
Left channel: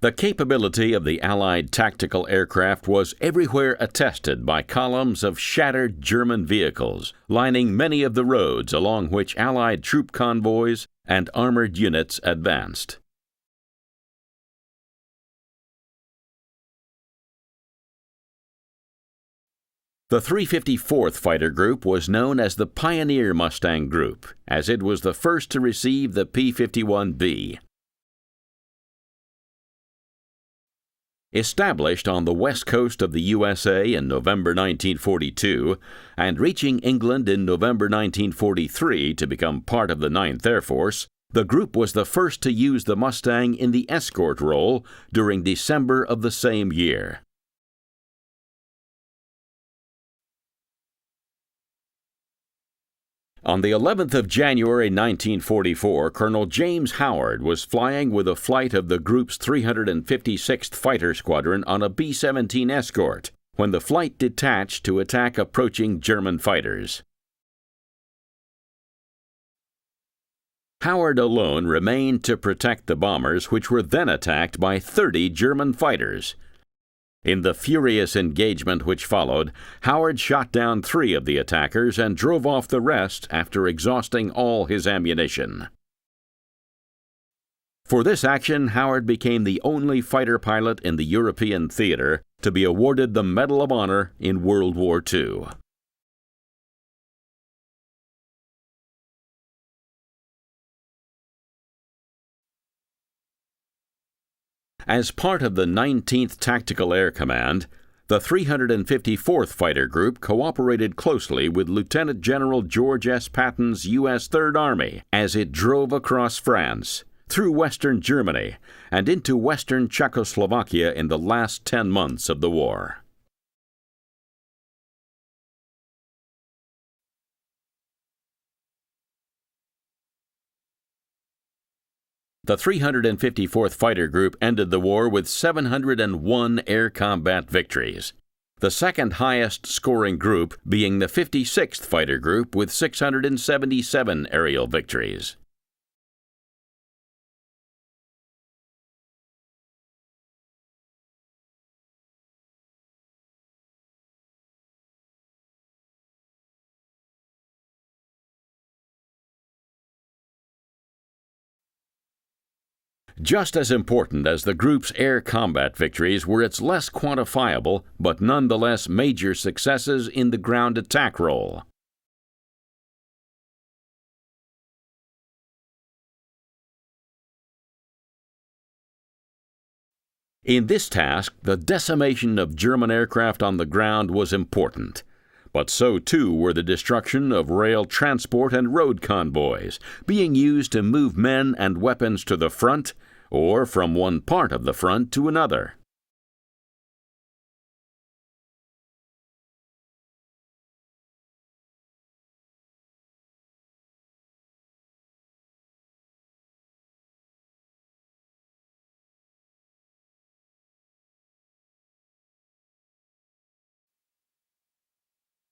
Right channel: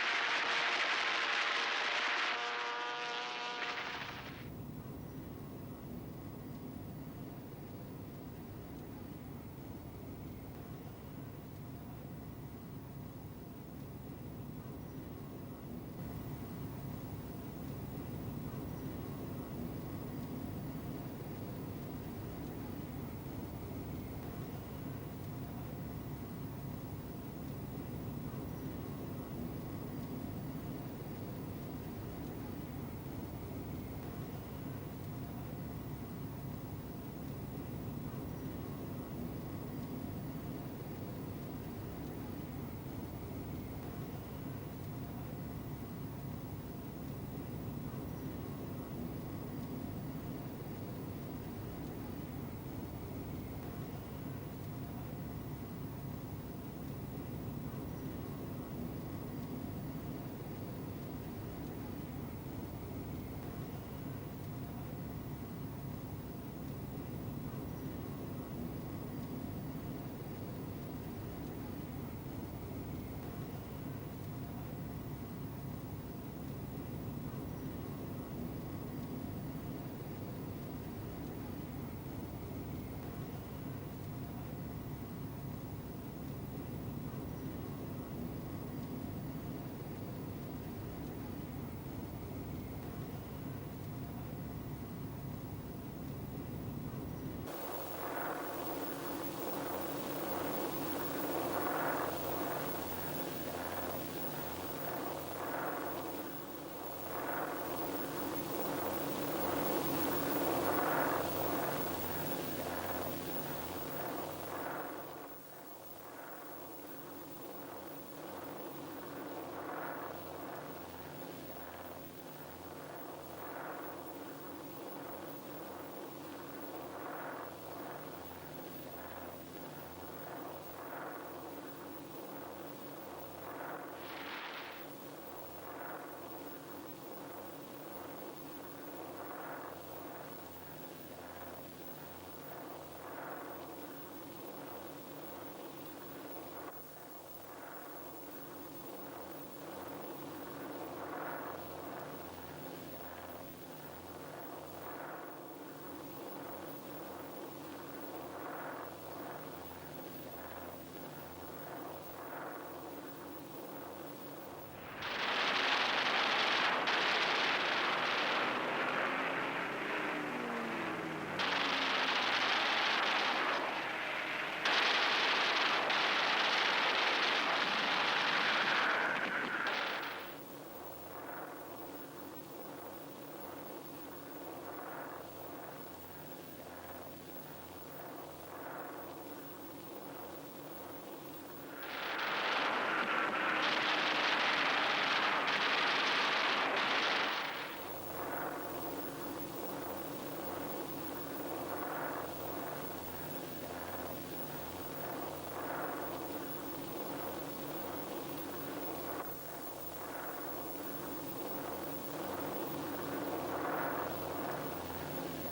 The capability of the Allied tactical aircraft was everywhere attested by columns of shattered German vehicles, lining many of the roads along which Allied troop convoys and armored units advanced. The 354th Fighter Group was known as the Pioneer Mustang Group, as it was the first to receive the P-51B. Established on the west coast of the USA in November 1942 and reaching England in November 1943 to become part of the 9th Air Force, the group was the first to use the Mustang in the escort role during December of the same year. On the 11th of January 1944, Colonel James Howard was flying with a flight of the group's 356th Fighter Squadron on a B-17 escort when the flight detached to attack approaching German fighters. Howard alone remained to protect the bombers, which were then attacked by 30 German fighters. In the furious engagement which followed, Howard shot down 3 of the attackers and drove off the rest after exhausting all his ammunition. For this action, Howard became the only fighter pilot in the European theater to be awarded the Medal of Honor in World War II. As part of the 19th Tactical Air Command, the 354th Fighter Group cooperated closely with Lieutenant General George S. Patton's U.S. Third Army as it drove across France, through western Germany, and into western Czechoslovakia in the last 10 months of the war. The 354th Fighter Group ended the war with 701 air combat victories, the second highest scoring group being the 56th Fighter Group with 677 aerial victories. Just as important as the group's air combat victories were its less quantifiable but nonetheless major successes in the ground attack role. In this task, the decimation of German aircraft on the ground was important, but so too were the destruction of rail transport and road convoys, being used to move men and weapons to the front or from one part of the front to another.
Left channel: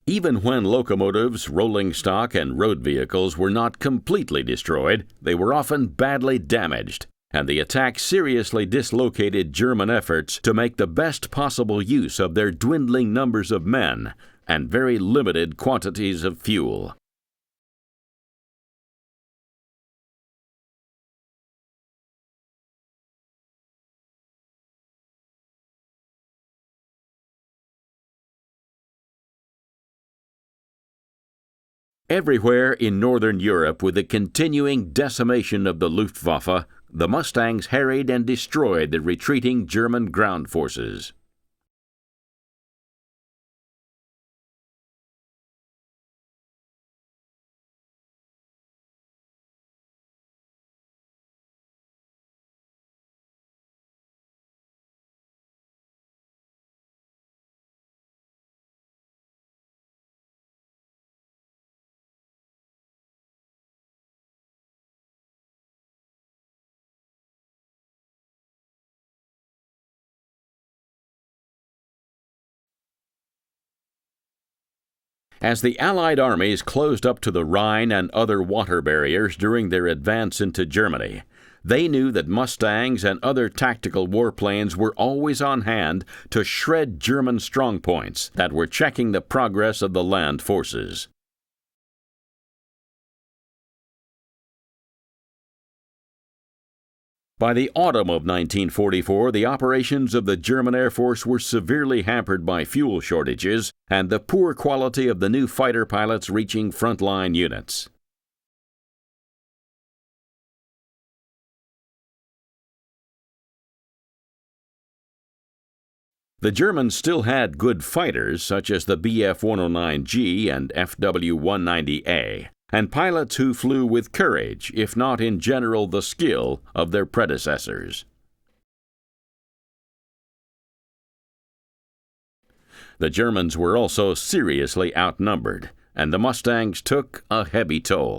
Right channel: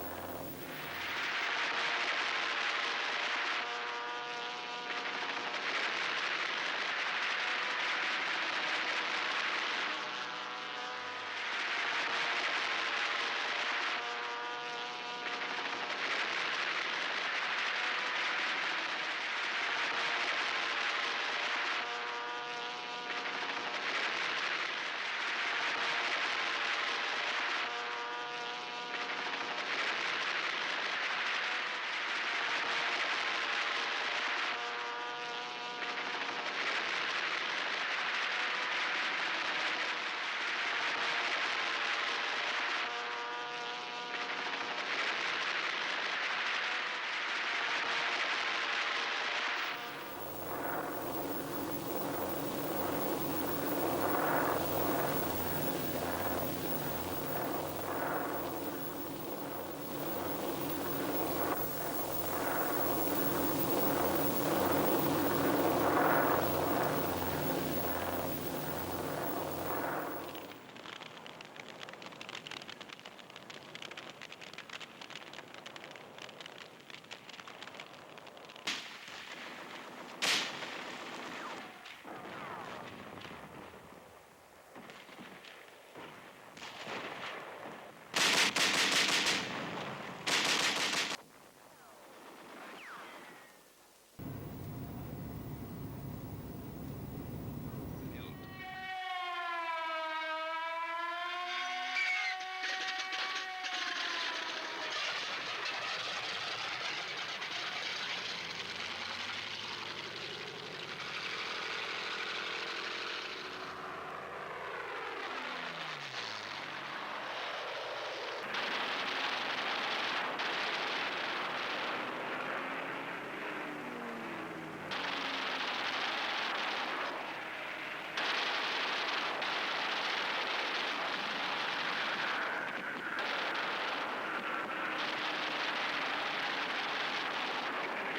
Even when locomotives, rolling stock, and road vehicles were not completely destroyed, they were often badly damaged, and the attack seriously dislocated German efforts to make the best possible use of their dwindling numbers of men and very limited quantities of fuel. Everywhere in Northern Europe, with the continuing decimation of the Luftwaffe, the Mustangs harried and destroyed the retreating German ground forces. As the Allied armies closed up to the Rhine and other water barriers during their advance into Germany, they knew that Mustangs and other tactical warplanes were always on hand to shred German strongpoints that were checking the progress of the land forces. By the autumn of 1944, the operations of the German Air Force were severely hampered by fuel shortages and the poor quality of the new fighter pilots reaching frontline units. The Germans still had good fighters, such as the Bf-109G and FW-190A, and pilots who flew with courage, if not in general the skill, of their predecessors. The Germans were also seriously outnumbered, and the Mustangs took a heavy toll.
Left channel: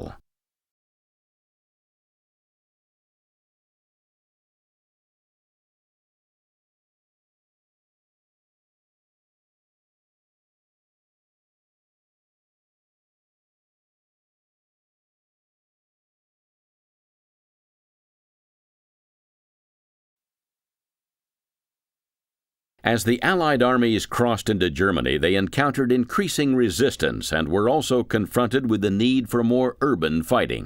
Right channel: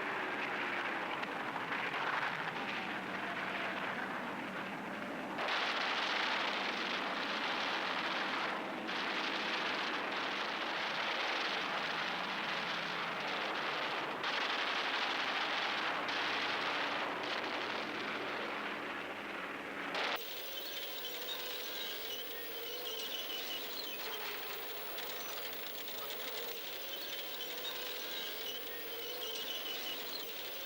As the Allied armies crossed into Germany, they encountered increasing resistance and were also confronted with the need for more urban fighting.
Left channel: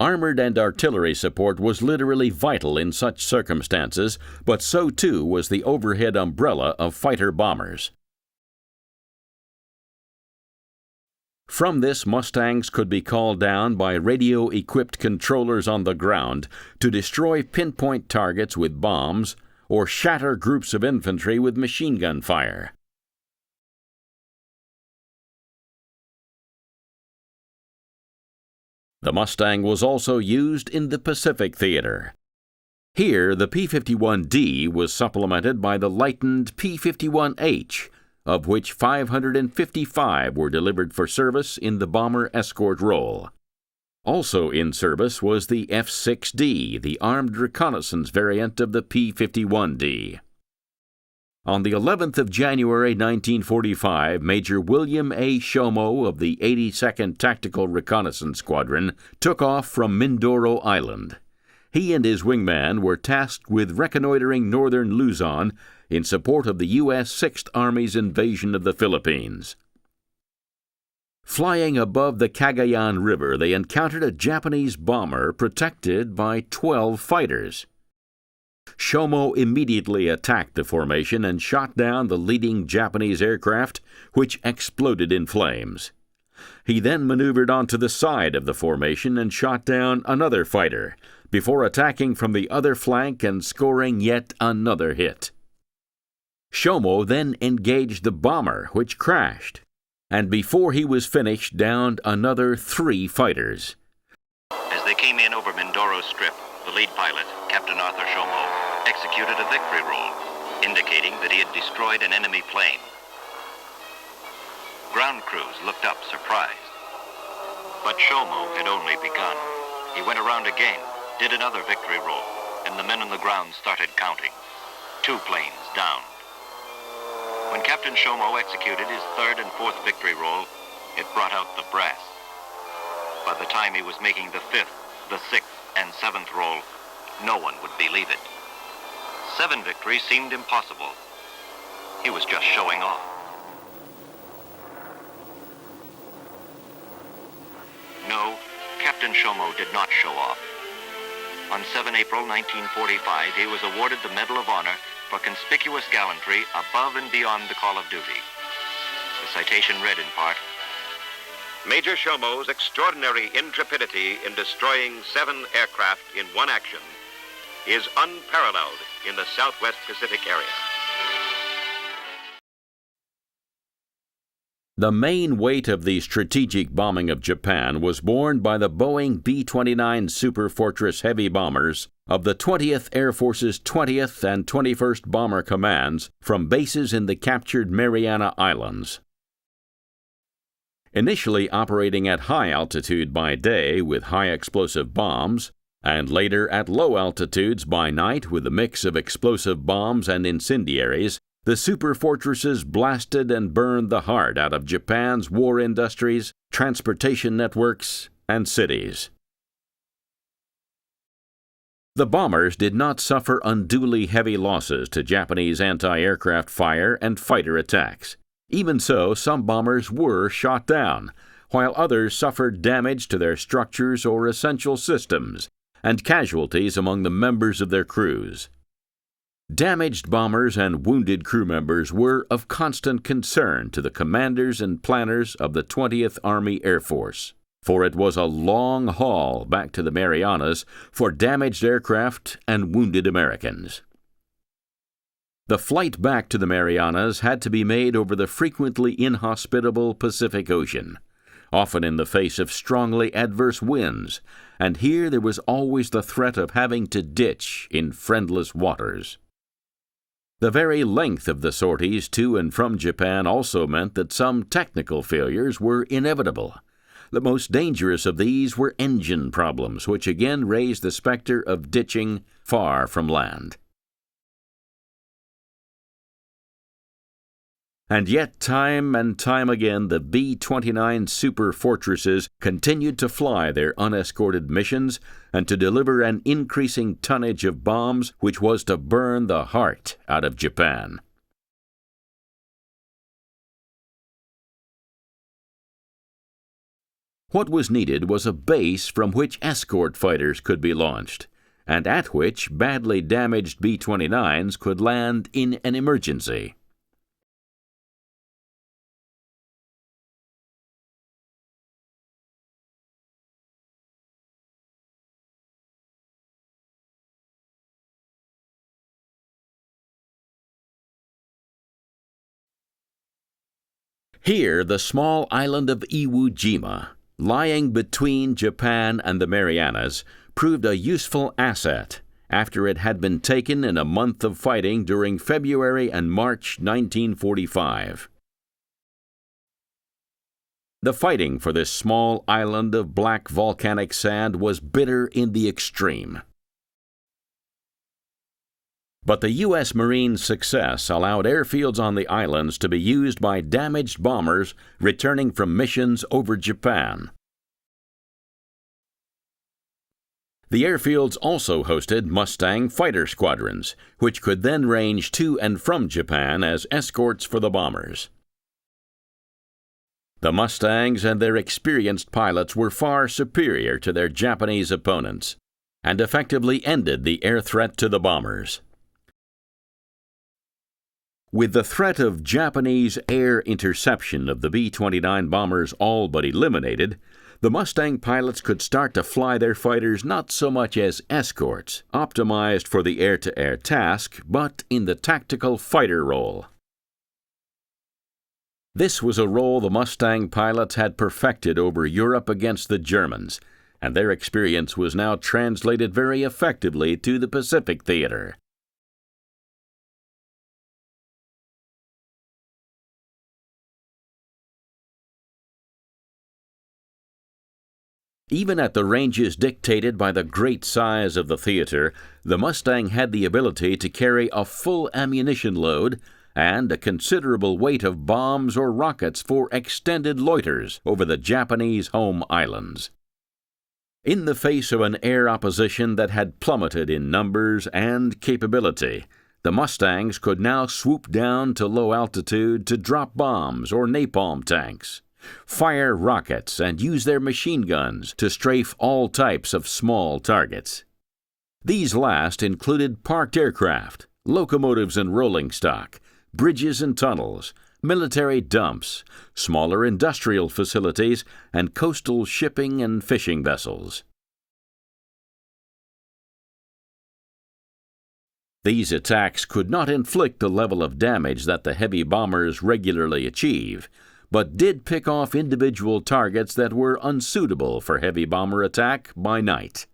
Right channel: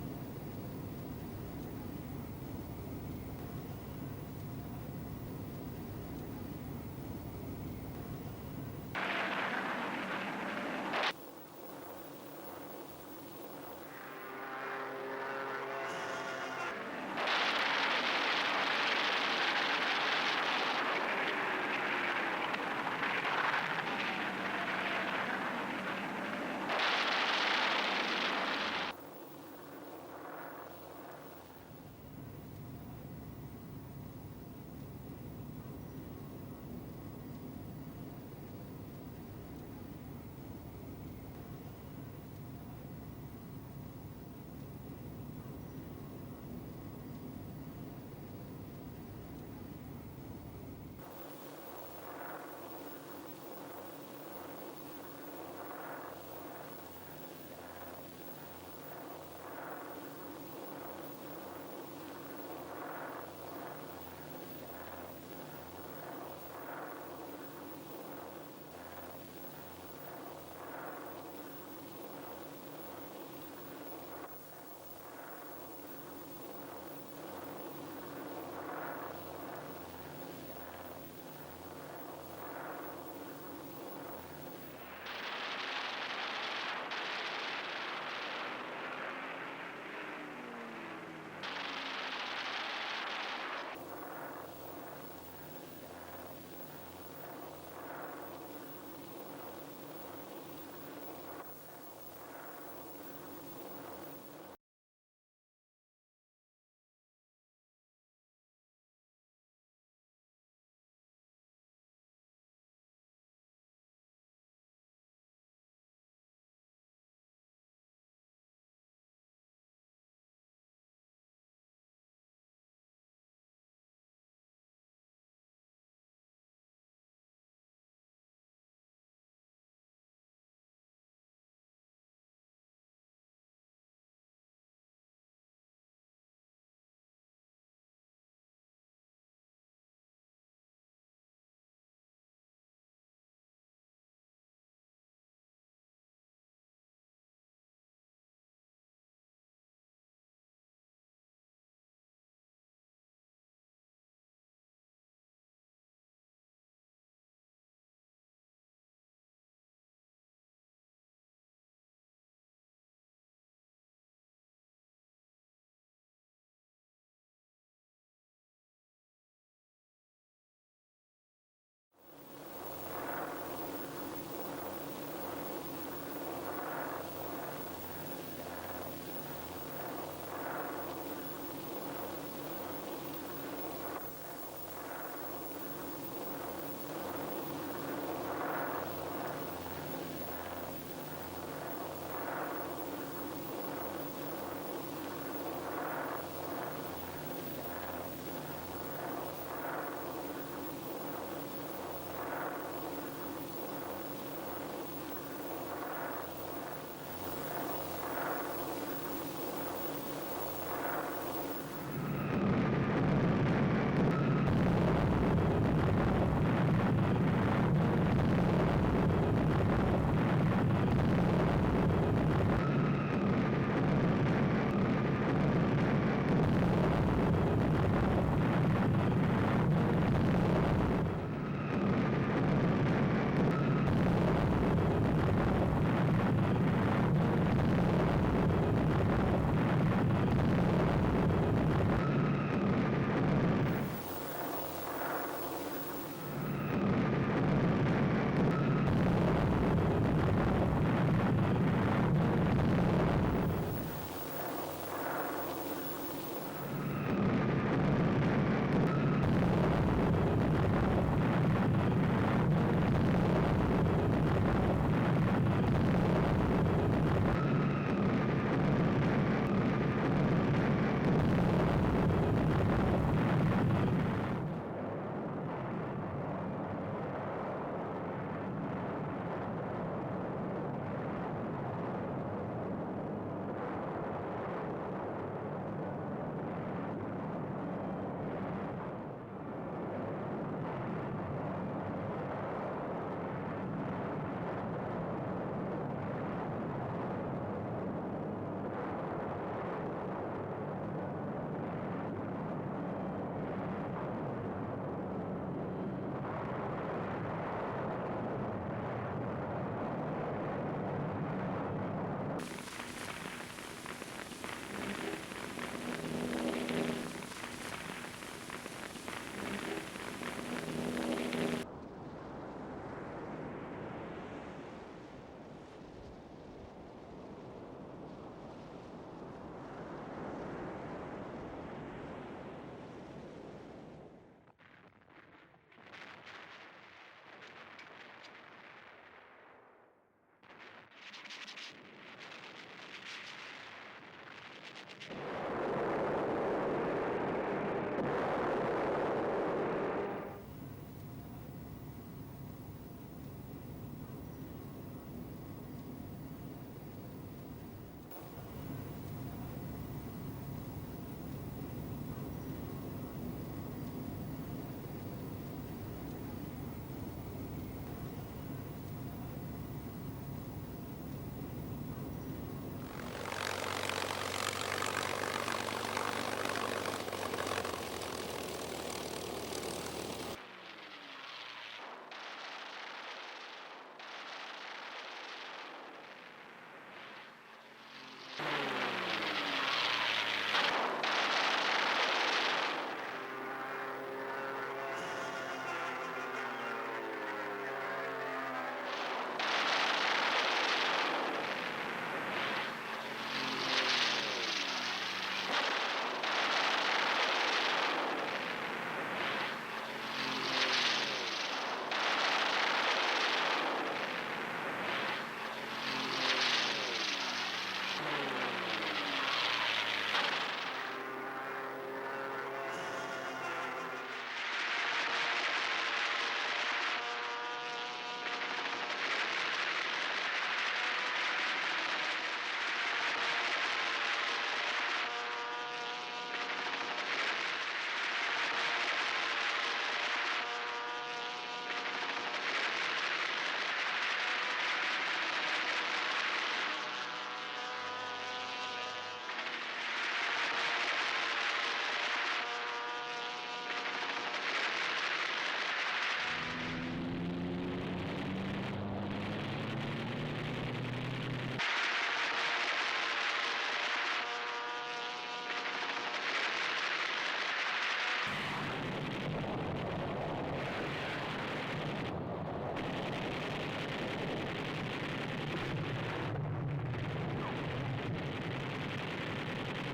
Armored and artillery support was literally vital in such circumstances, but so too was the overhead umbrella of fighter bombers. From this, Mustangs could be called down by radio-equipped controllers on the ground to destroy pinpoint targets with bombs or shatter groups of infantry with machine gun fire. The Mustang was also used in the Pacific Theater. Here, the P-51D was supplemented by the lightened P-51H, of which 555 were delivered for service in the bomber escort role. Also in service was the F-6D, the armed reconnaissance variant of the P-51D. On the 11th of January 1945, Major William A. Shomo of the 82nd Tactical Reconnaissance Squadron took off from Mindoro Island. He and his wingman were tasked with reconnoitering northern Luzon in support of the U.S. 6th Army's invasion of the Philippines. Flying above the Cagayan River, they encountered a Japanese bomber protected by 12 fighters. Shomo immediately attacked the formation and shot down the leading Japanese aircraft, which exploded in flames. He then maneuvered onto the side of the formation and shot down another fighter, before attacking from the other flank and scoring yet another hit. Shomo then engaged the bomber, which crashed, and before he was finished, downed another 3 fighters. As they came in over Mindoro Strip, the lead pilot, Captain Arthur Shomo, executed a victory roll, indicating that he had destroyed an enemy plane. Ground crews looked up, surprised. But Shomo had only begun. He went around again, did another victory roll, and the men on the ground started counting. 2 planes down. When Captain Shomo executed his 3rd and 4th victory roll, it brought out the brass. By the time he was making the 5th, the 6th, and 7th roll, no one would believe it. 7 victories seemed impossible. He was just showing off. No, Captain Shomo did not show off. On 7 April 1945, he was awarded the Medal of Honor for conspicuous gallantry above and beyond the call of duty. The citation read in part, Major Shomo's extraordinary intrepidity in destroying 7 aircraft in one action is unparalleled in the Southwest Pacific area. The main weight of the strategic bombing of Japan was borne by the Boeing B-29 Super Fortress heavy bombers of the 20th Air Force's 20th and 21st Bomber Commands from bases in the captured Mariana Islands. Initially operating at high altitude by day with high explosive bombs, And later at low altitudes by night with a mix of explosive bombs and incendiaries, the superfortresses blasted and burned the heart out of Japan's war industries, transportation networks, and cities. The bombers did not suffer unduly heavy losses to Japanese anti-aircraft fire and fighter attacks. Even so, some bombers were shot down, while others suffered damage to their structures or essential systems, and casualties among the members of their crews. Damaged bombers and wounded crew members were of constant concern to the commanders and planners of the 20th Army Air Force, for it was a long haul back to the Marianas for damaged aircraft and wounded Americans. The flight back to the Marianas had to be made over the frequently inhospitable Pacific Ocean, often in the face of strongly adverse winds, and here there was always the threat of having to ditch in friendless waters. The very length of the sorties to and from Japan also meant that some technical failures were inevitable. The most dangerous of these were engine problems, which again raised the specter of ditching far from land. And yet, time and time again, the B-29 superfortresses continued to fly their unescorted missions and to deliver an increasing tonnage of bombs which was to burn the heart out of Japan. What was needed was a base from which escort fighters could be launched, and at which badly damaged B-29s could land in an emergency. Here, the small island of Iwo Jima, lying between Japan and the Marianas, proved a useful asset after it had been taken in a month of fighting during February and March 1945. The fighting for this small island of black volcanic sand was bitter in the extreme. But the U.S. Marines' success allowed airfields on the islands to be used by damaged bombers returning from missions over Japan. The airfields also hosted Mustang fighter squadrons, which could then range to and from Japan as escorts for the bombers. The Mustangs and their experienced pilots were far superior to their Japanese opponents, and effectively ended the air threat to the bombers. With the threat of Japanese air interception of the B-29 bombers all but eliminated, the Mustang pilots could start to fly their fighters not so much as escorts, optimized for the air-to-air task, but in the tactical fighter role. This was a role the Mustang pilots had perfected over Europe against the Germans, and their experience was now translated very effectively to the Pacific theater. Even at the ranges dictated by the great size of the theater, the Mustang had the ability to carry a full ammunition load and a considerable weight of bombs or rockets for extended loiters over the Japanese home islands. In the face of an air opposition that had plummeted in numbers and capability, the Mustangs could now swoop down to low altitude to drop bombs or napalm tanks, fire rockets, and use their machine guns to strafe all types of small targets. These last included parked aircraft, locomotives and rolling stock, bridges and tunnels, military dumps, smaller industrial facilities, and coastal shipping and fishing vessels. These attacks could not inflict the level of damage that the heavy bombers regularly achieve, but did pick off individual targets that were unsuitable for heavy bomber attack by night.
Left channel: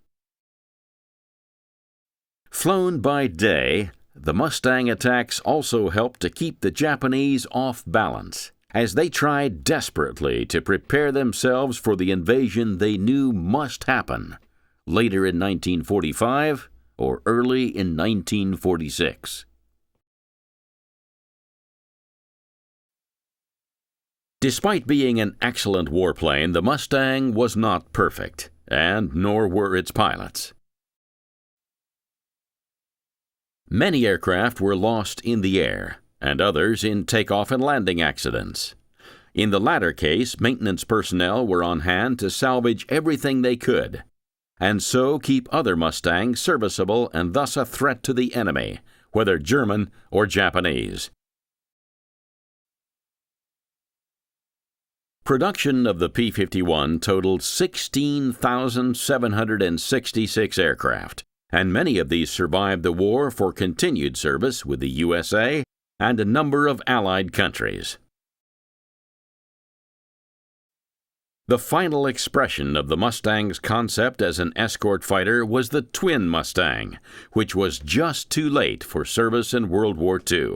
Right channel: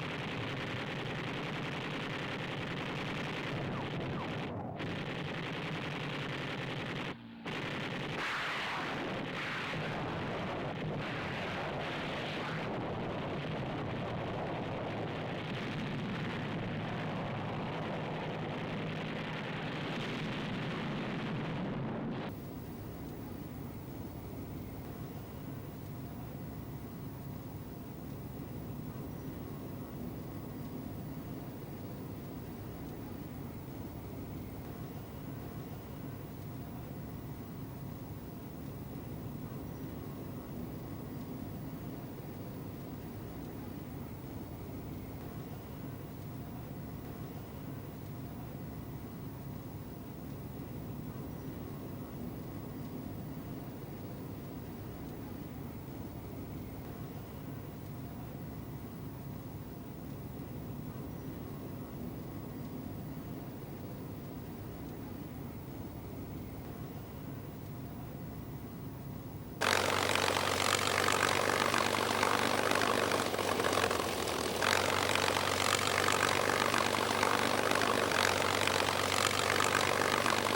Flown by day, the Mustang attacks also helped to keep the Japanese off balance, as they tried desperately to prepare themselves for the invasion they knew must happen. later in 1945 or early in 1946. Despite being an excellent warplane, the Mustang was not perfect, and nor were its pilots. Many aircraft were lost in the air, and others in takeoff and landing accidents. In the latter case, maintenance personnel were on hand to salvage everything they could, and so keep other Mustangs serviceable and thus a threat to the enemy, whether German or Japanese. Production of the P-51 totaled 16,766 aircraft, and many of these survived the war for continued service with the USA and a number of Allied countries. The final expression of the Mustang's concept as an escort fighter was the twin Mustang, which was just too late for service in World War II.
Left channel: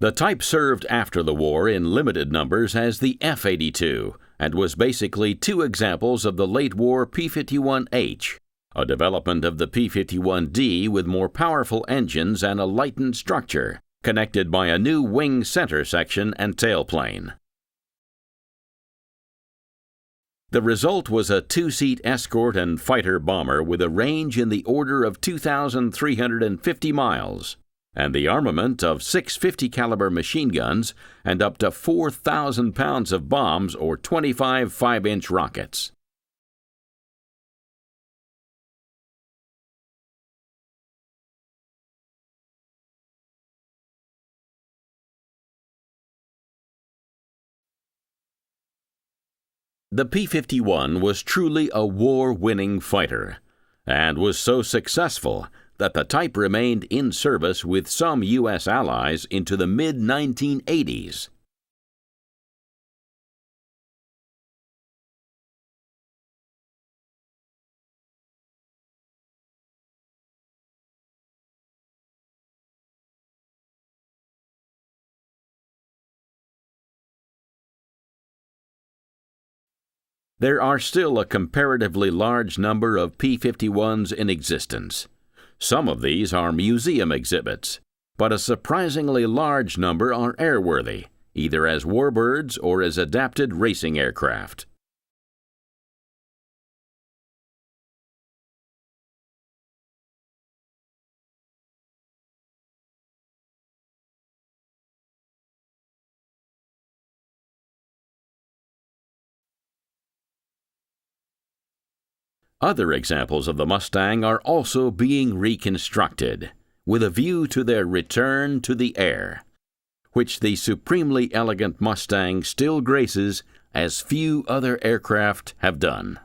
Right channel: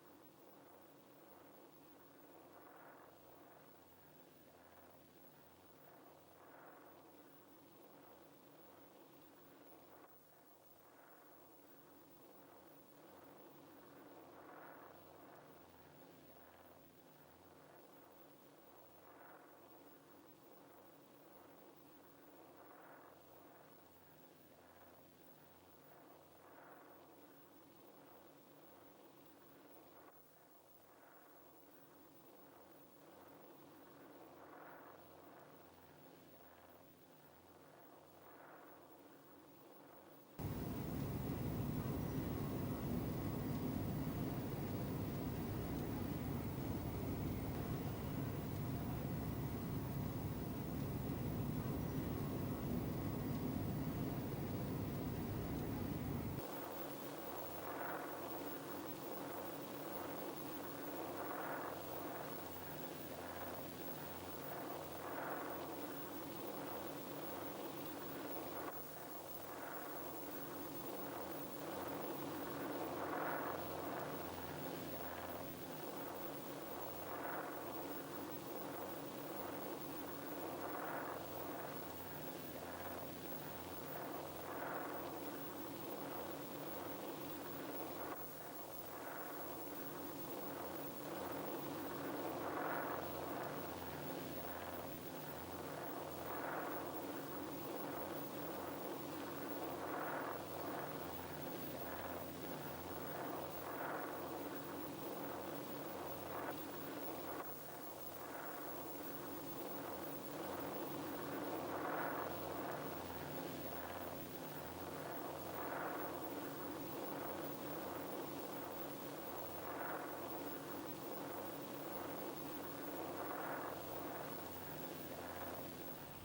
The type served after the war in limited numbers as the F-82 and was basically two examples of the late-war P-51H, a development of the P-51D with more powerful engines and a lightened structure, connected by a new wing center section and tailplane. The result was a two-seat escort and fighter bomber with a range in the order of 2,350 miles, and the armament of 650 caliber machine guns and up to 4,000 pounds of bombs or 25 5-inch rockets. The P-51 was truly a war-winning fighter, and was so successful that the type remained in service with some U.S. allies into the mid-1980s. There are still a comparatively large number of P-51s in existence. Some of these are museum exhibits, but a surprisingly large number are airworthy, either as warbirds or as adapted racing aircraft. Other examples of the Mustang are also being reconstructed, with a view to their return to the air, which the supremely elegant Mustang still graces as few other aircraft have done.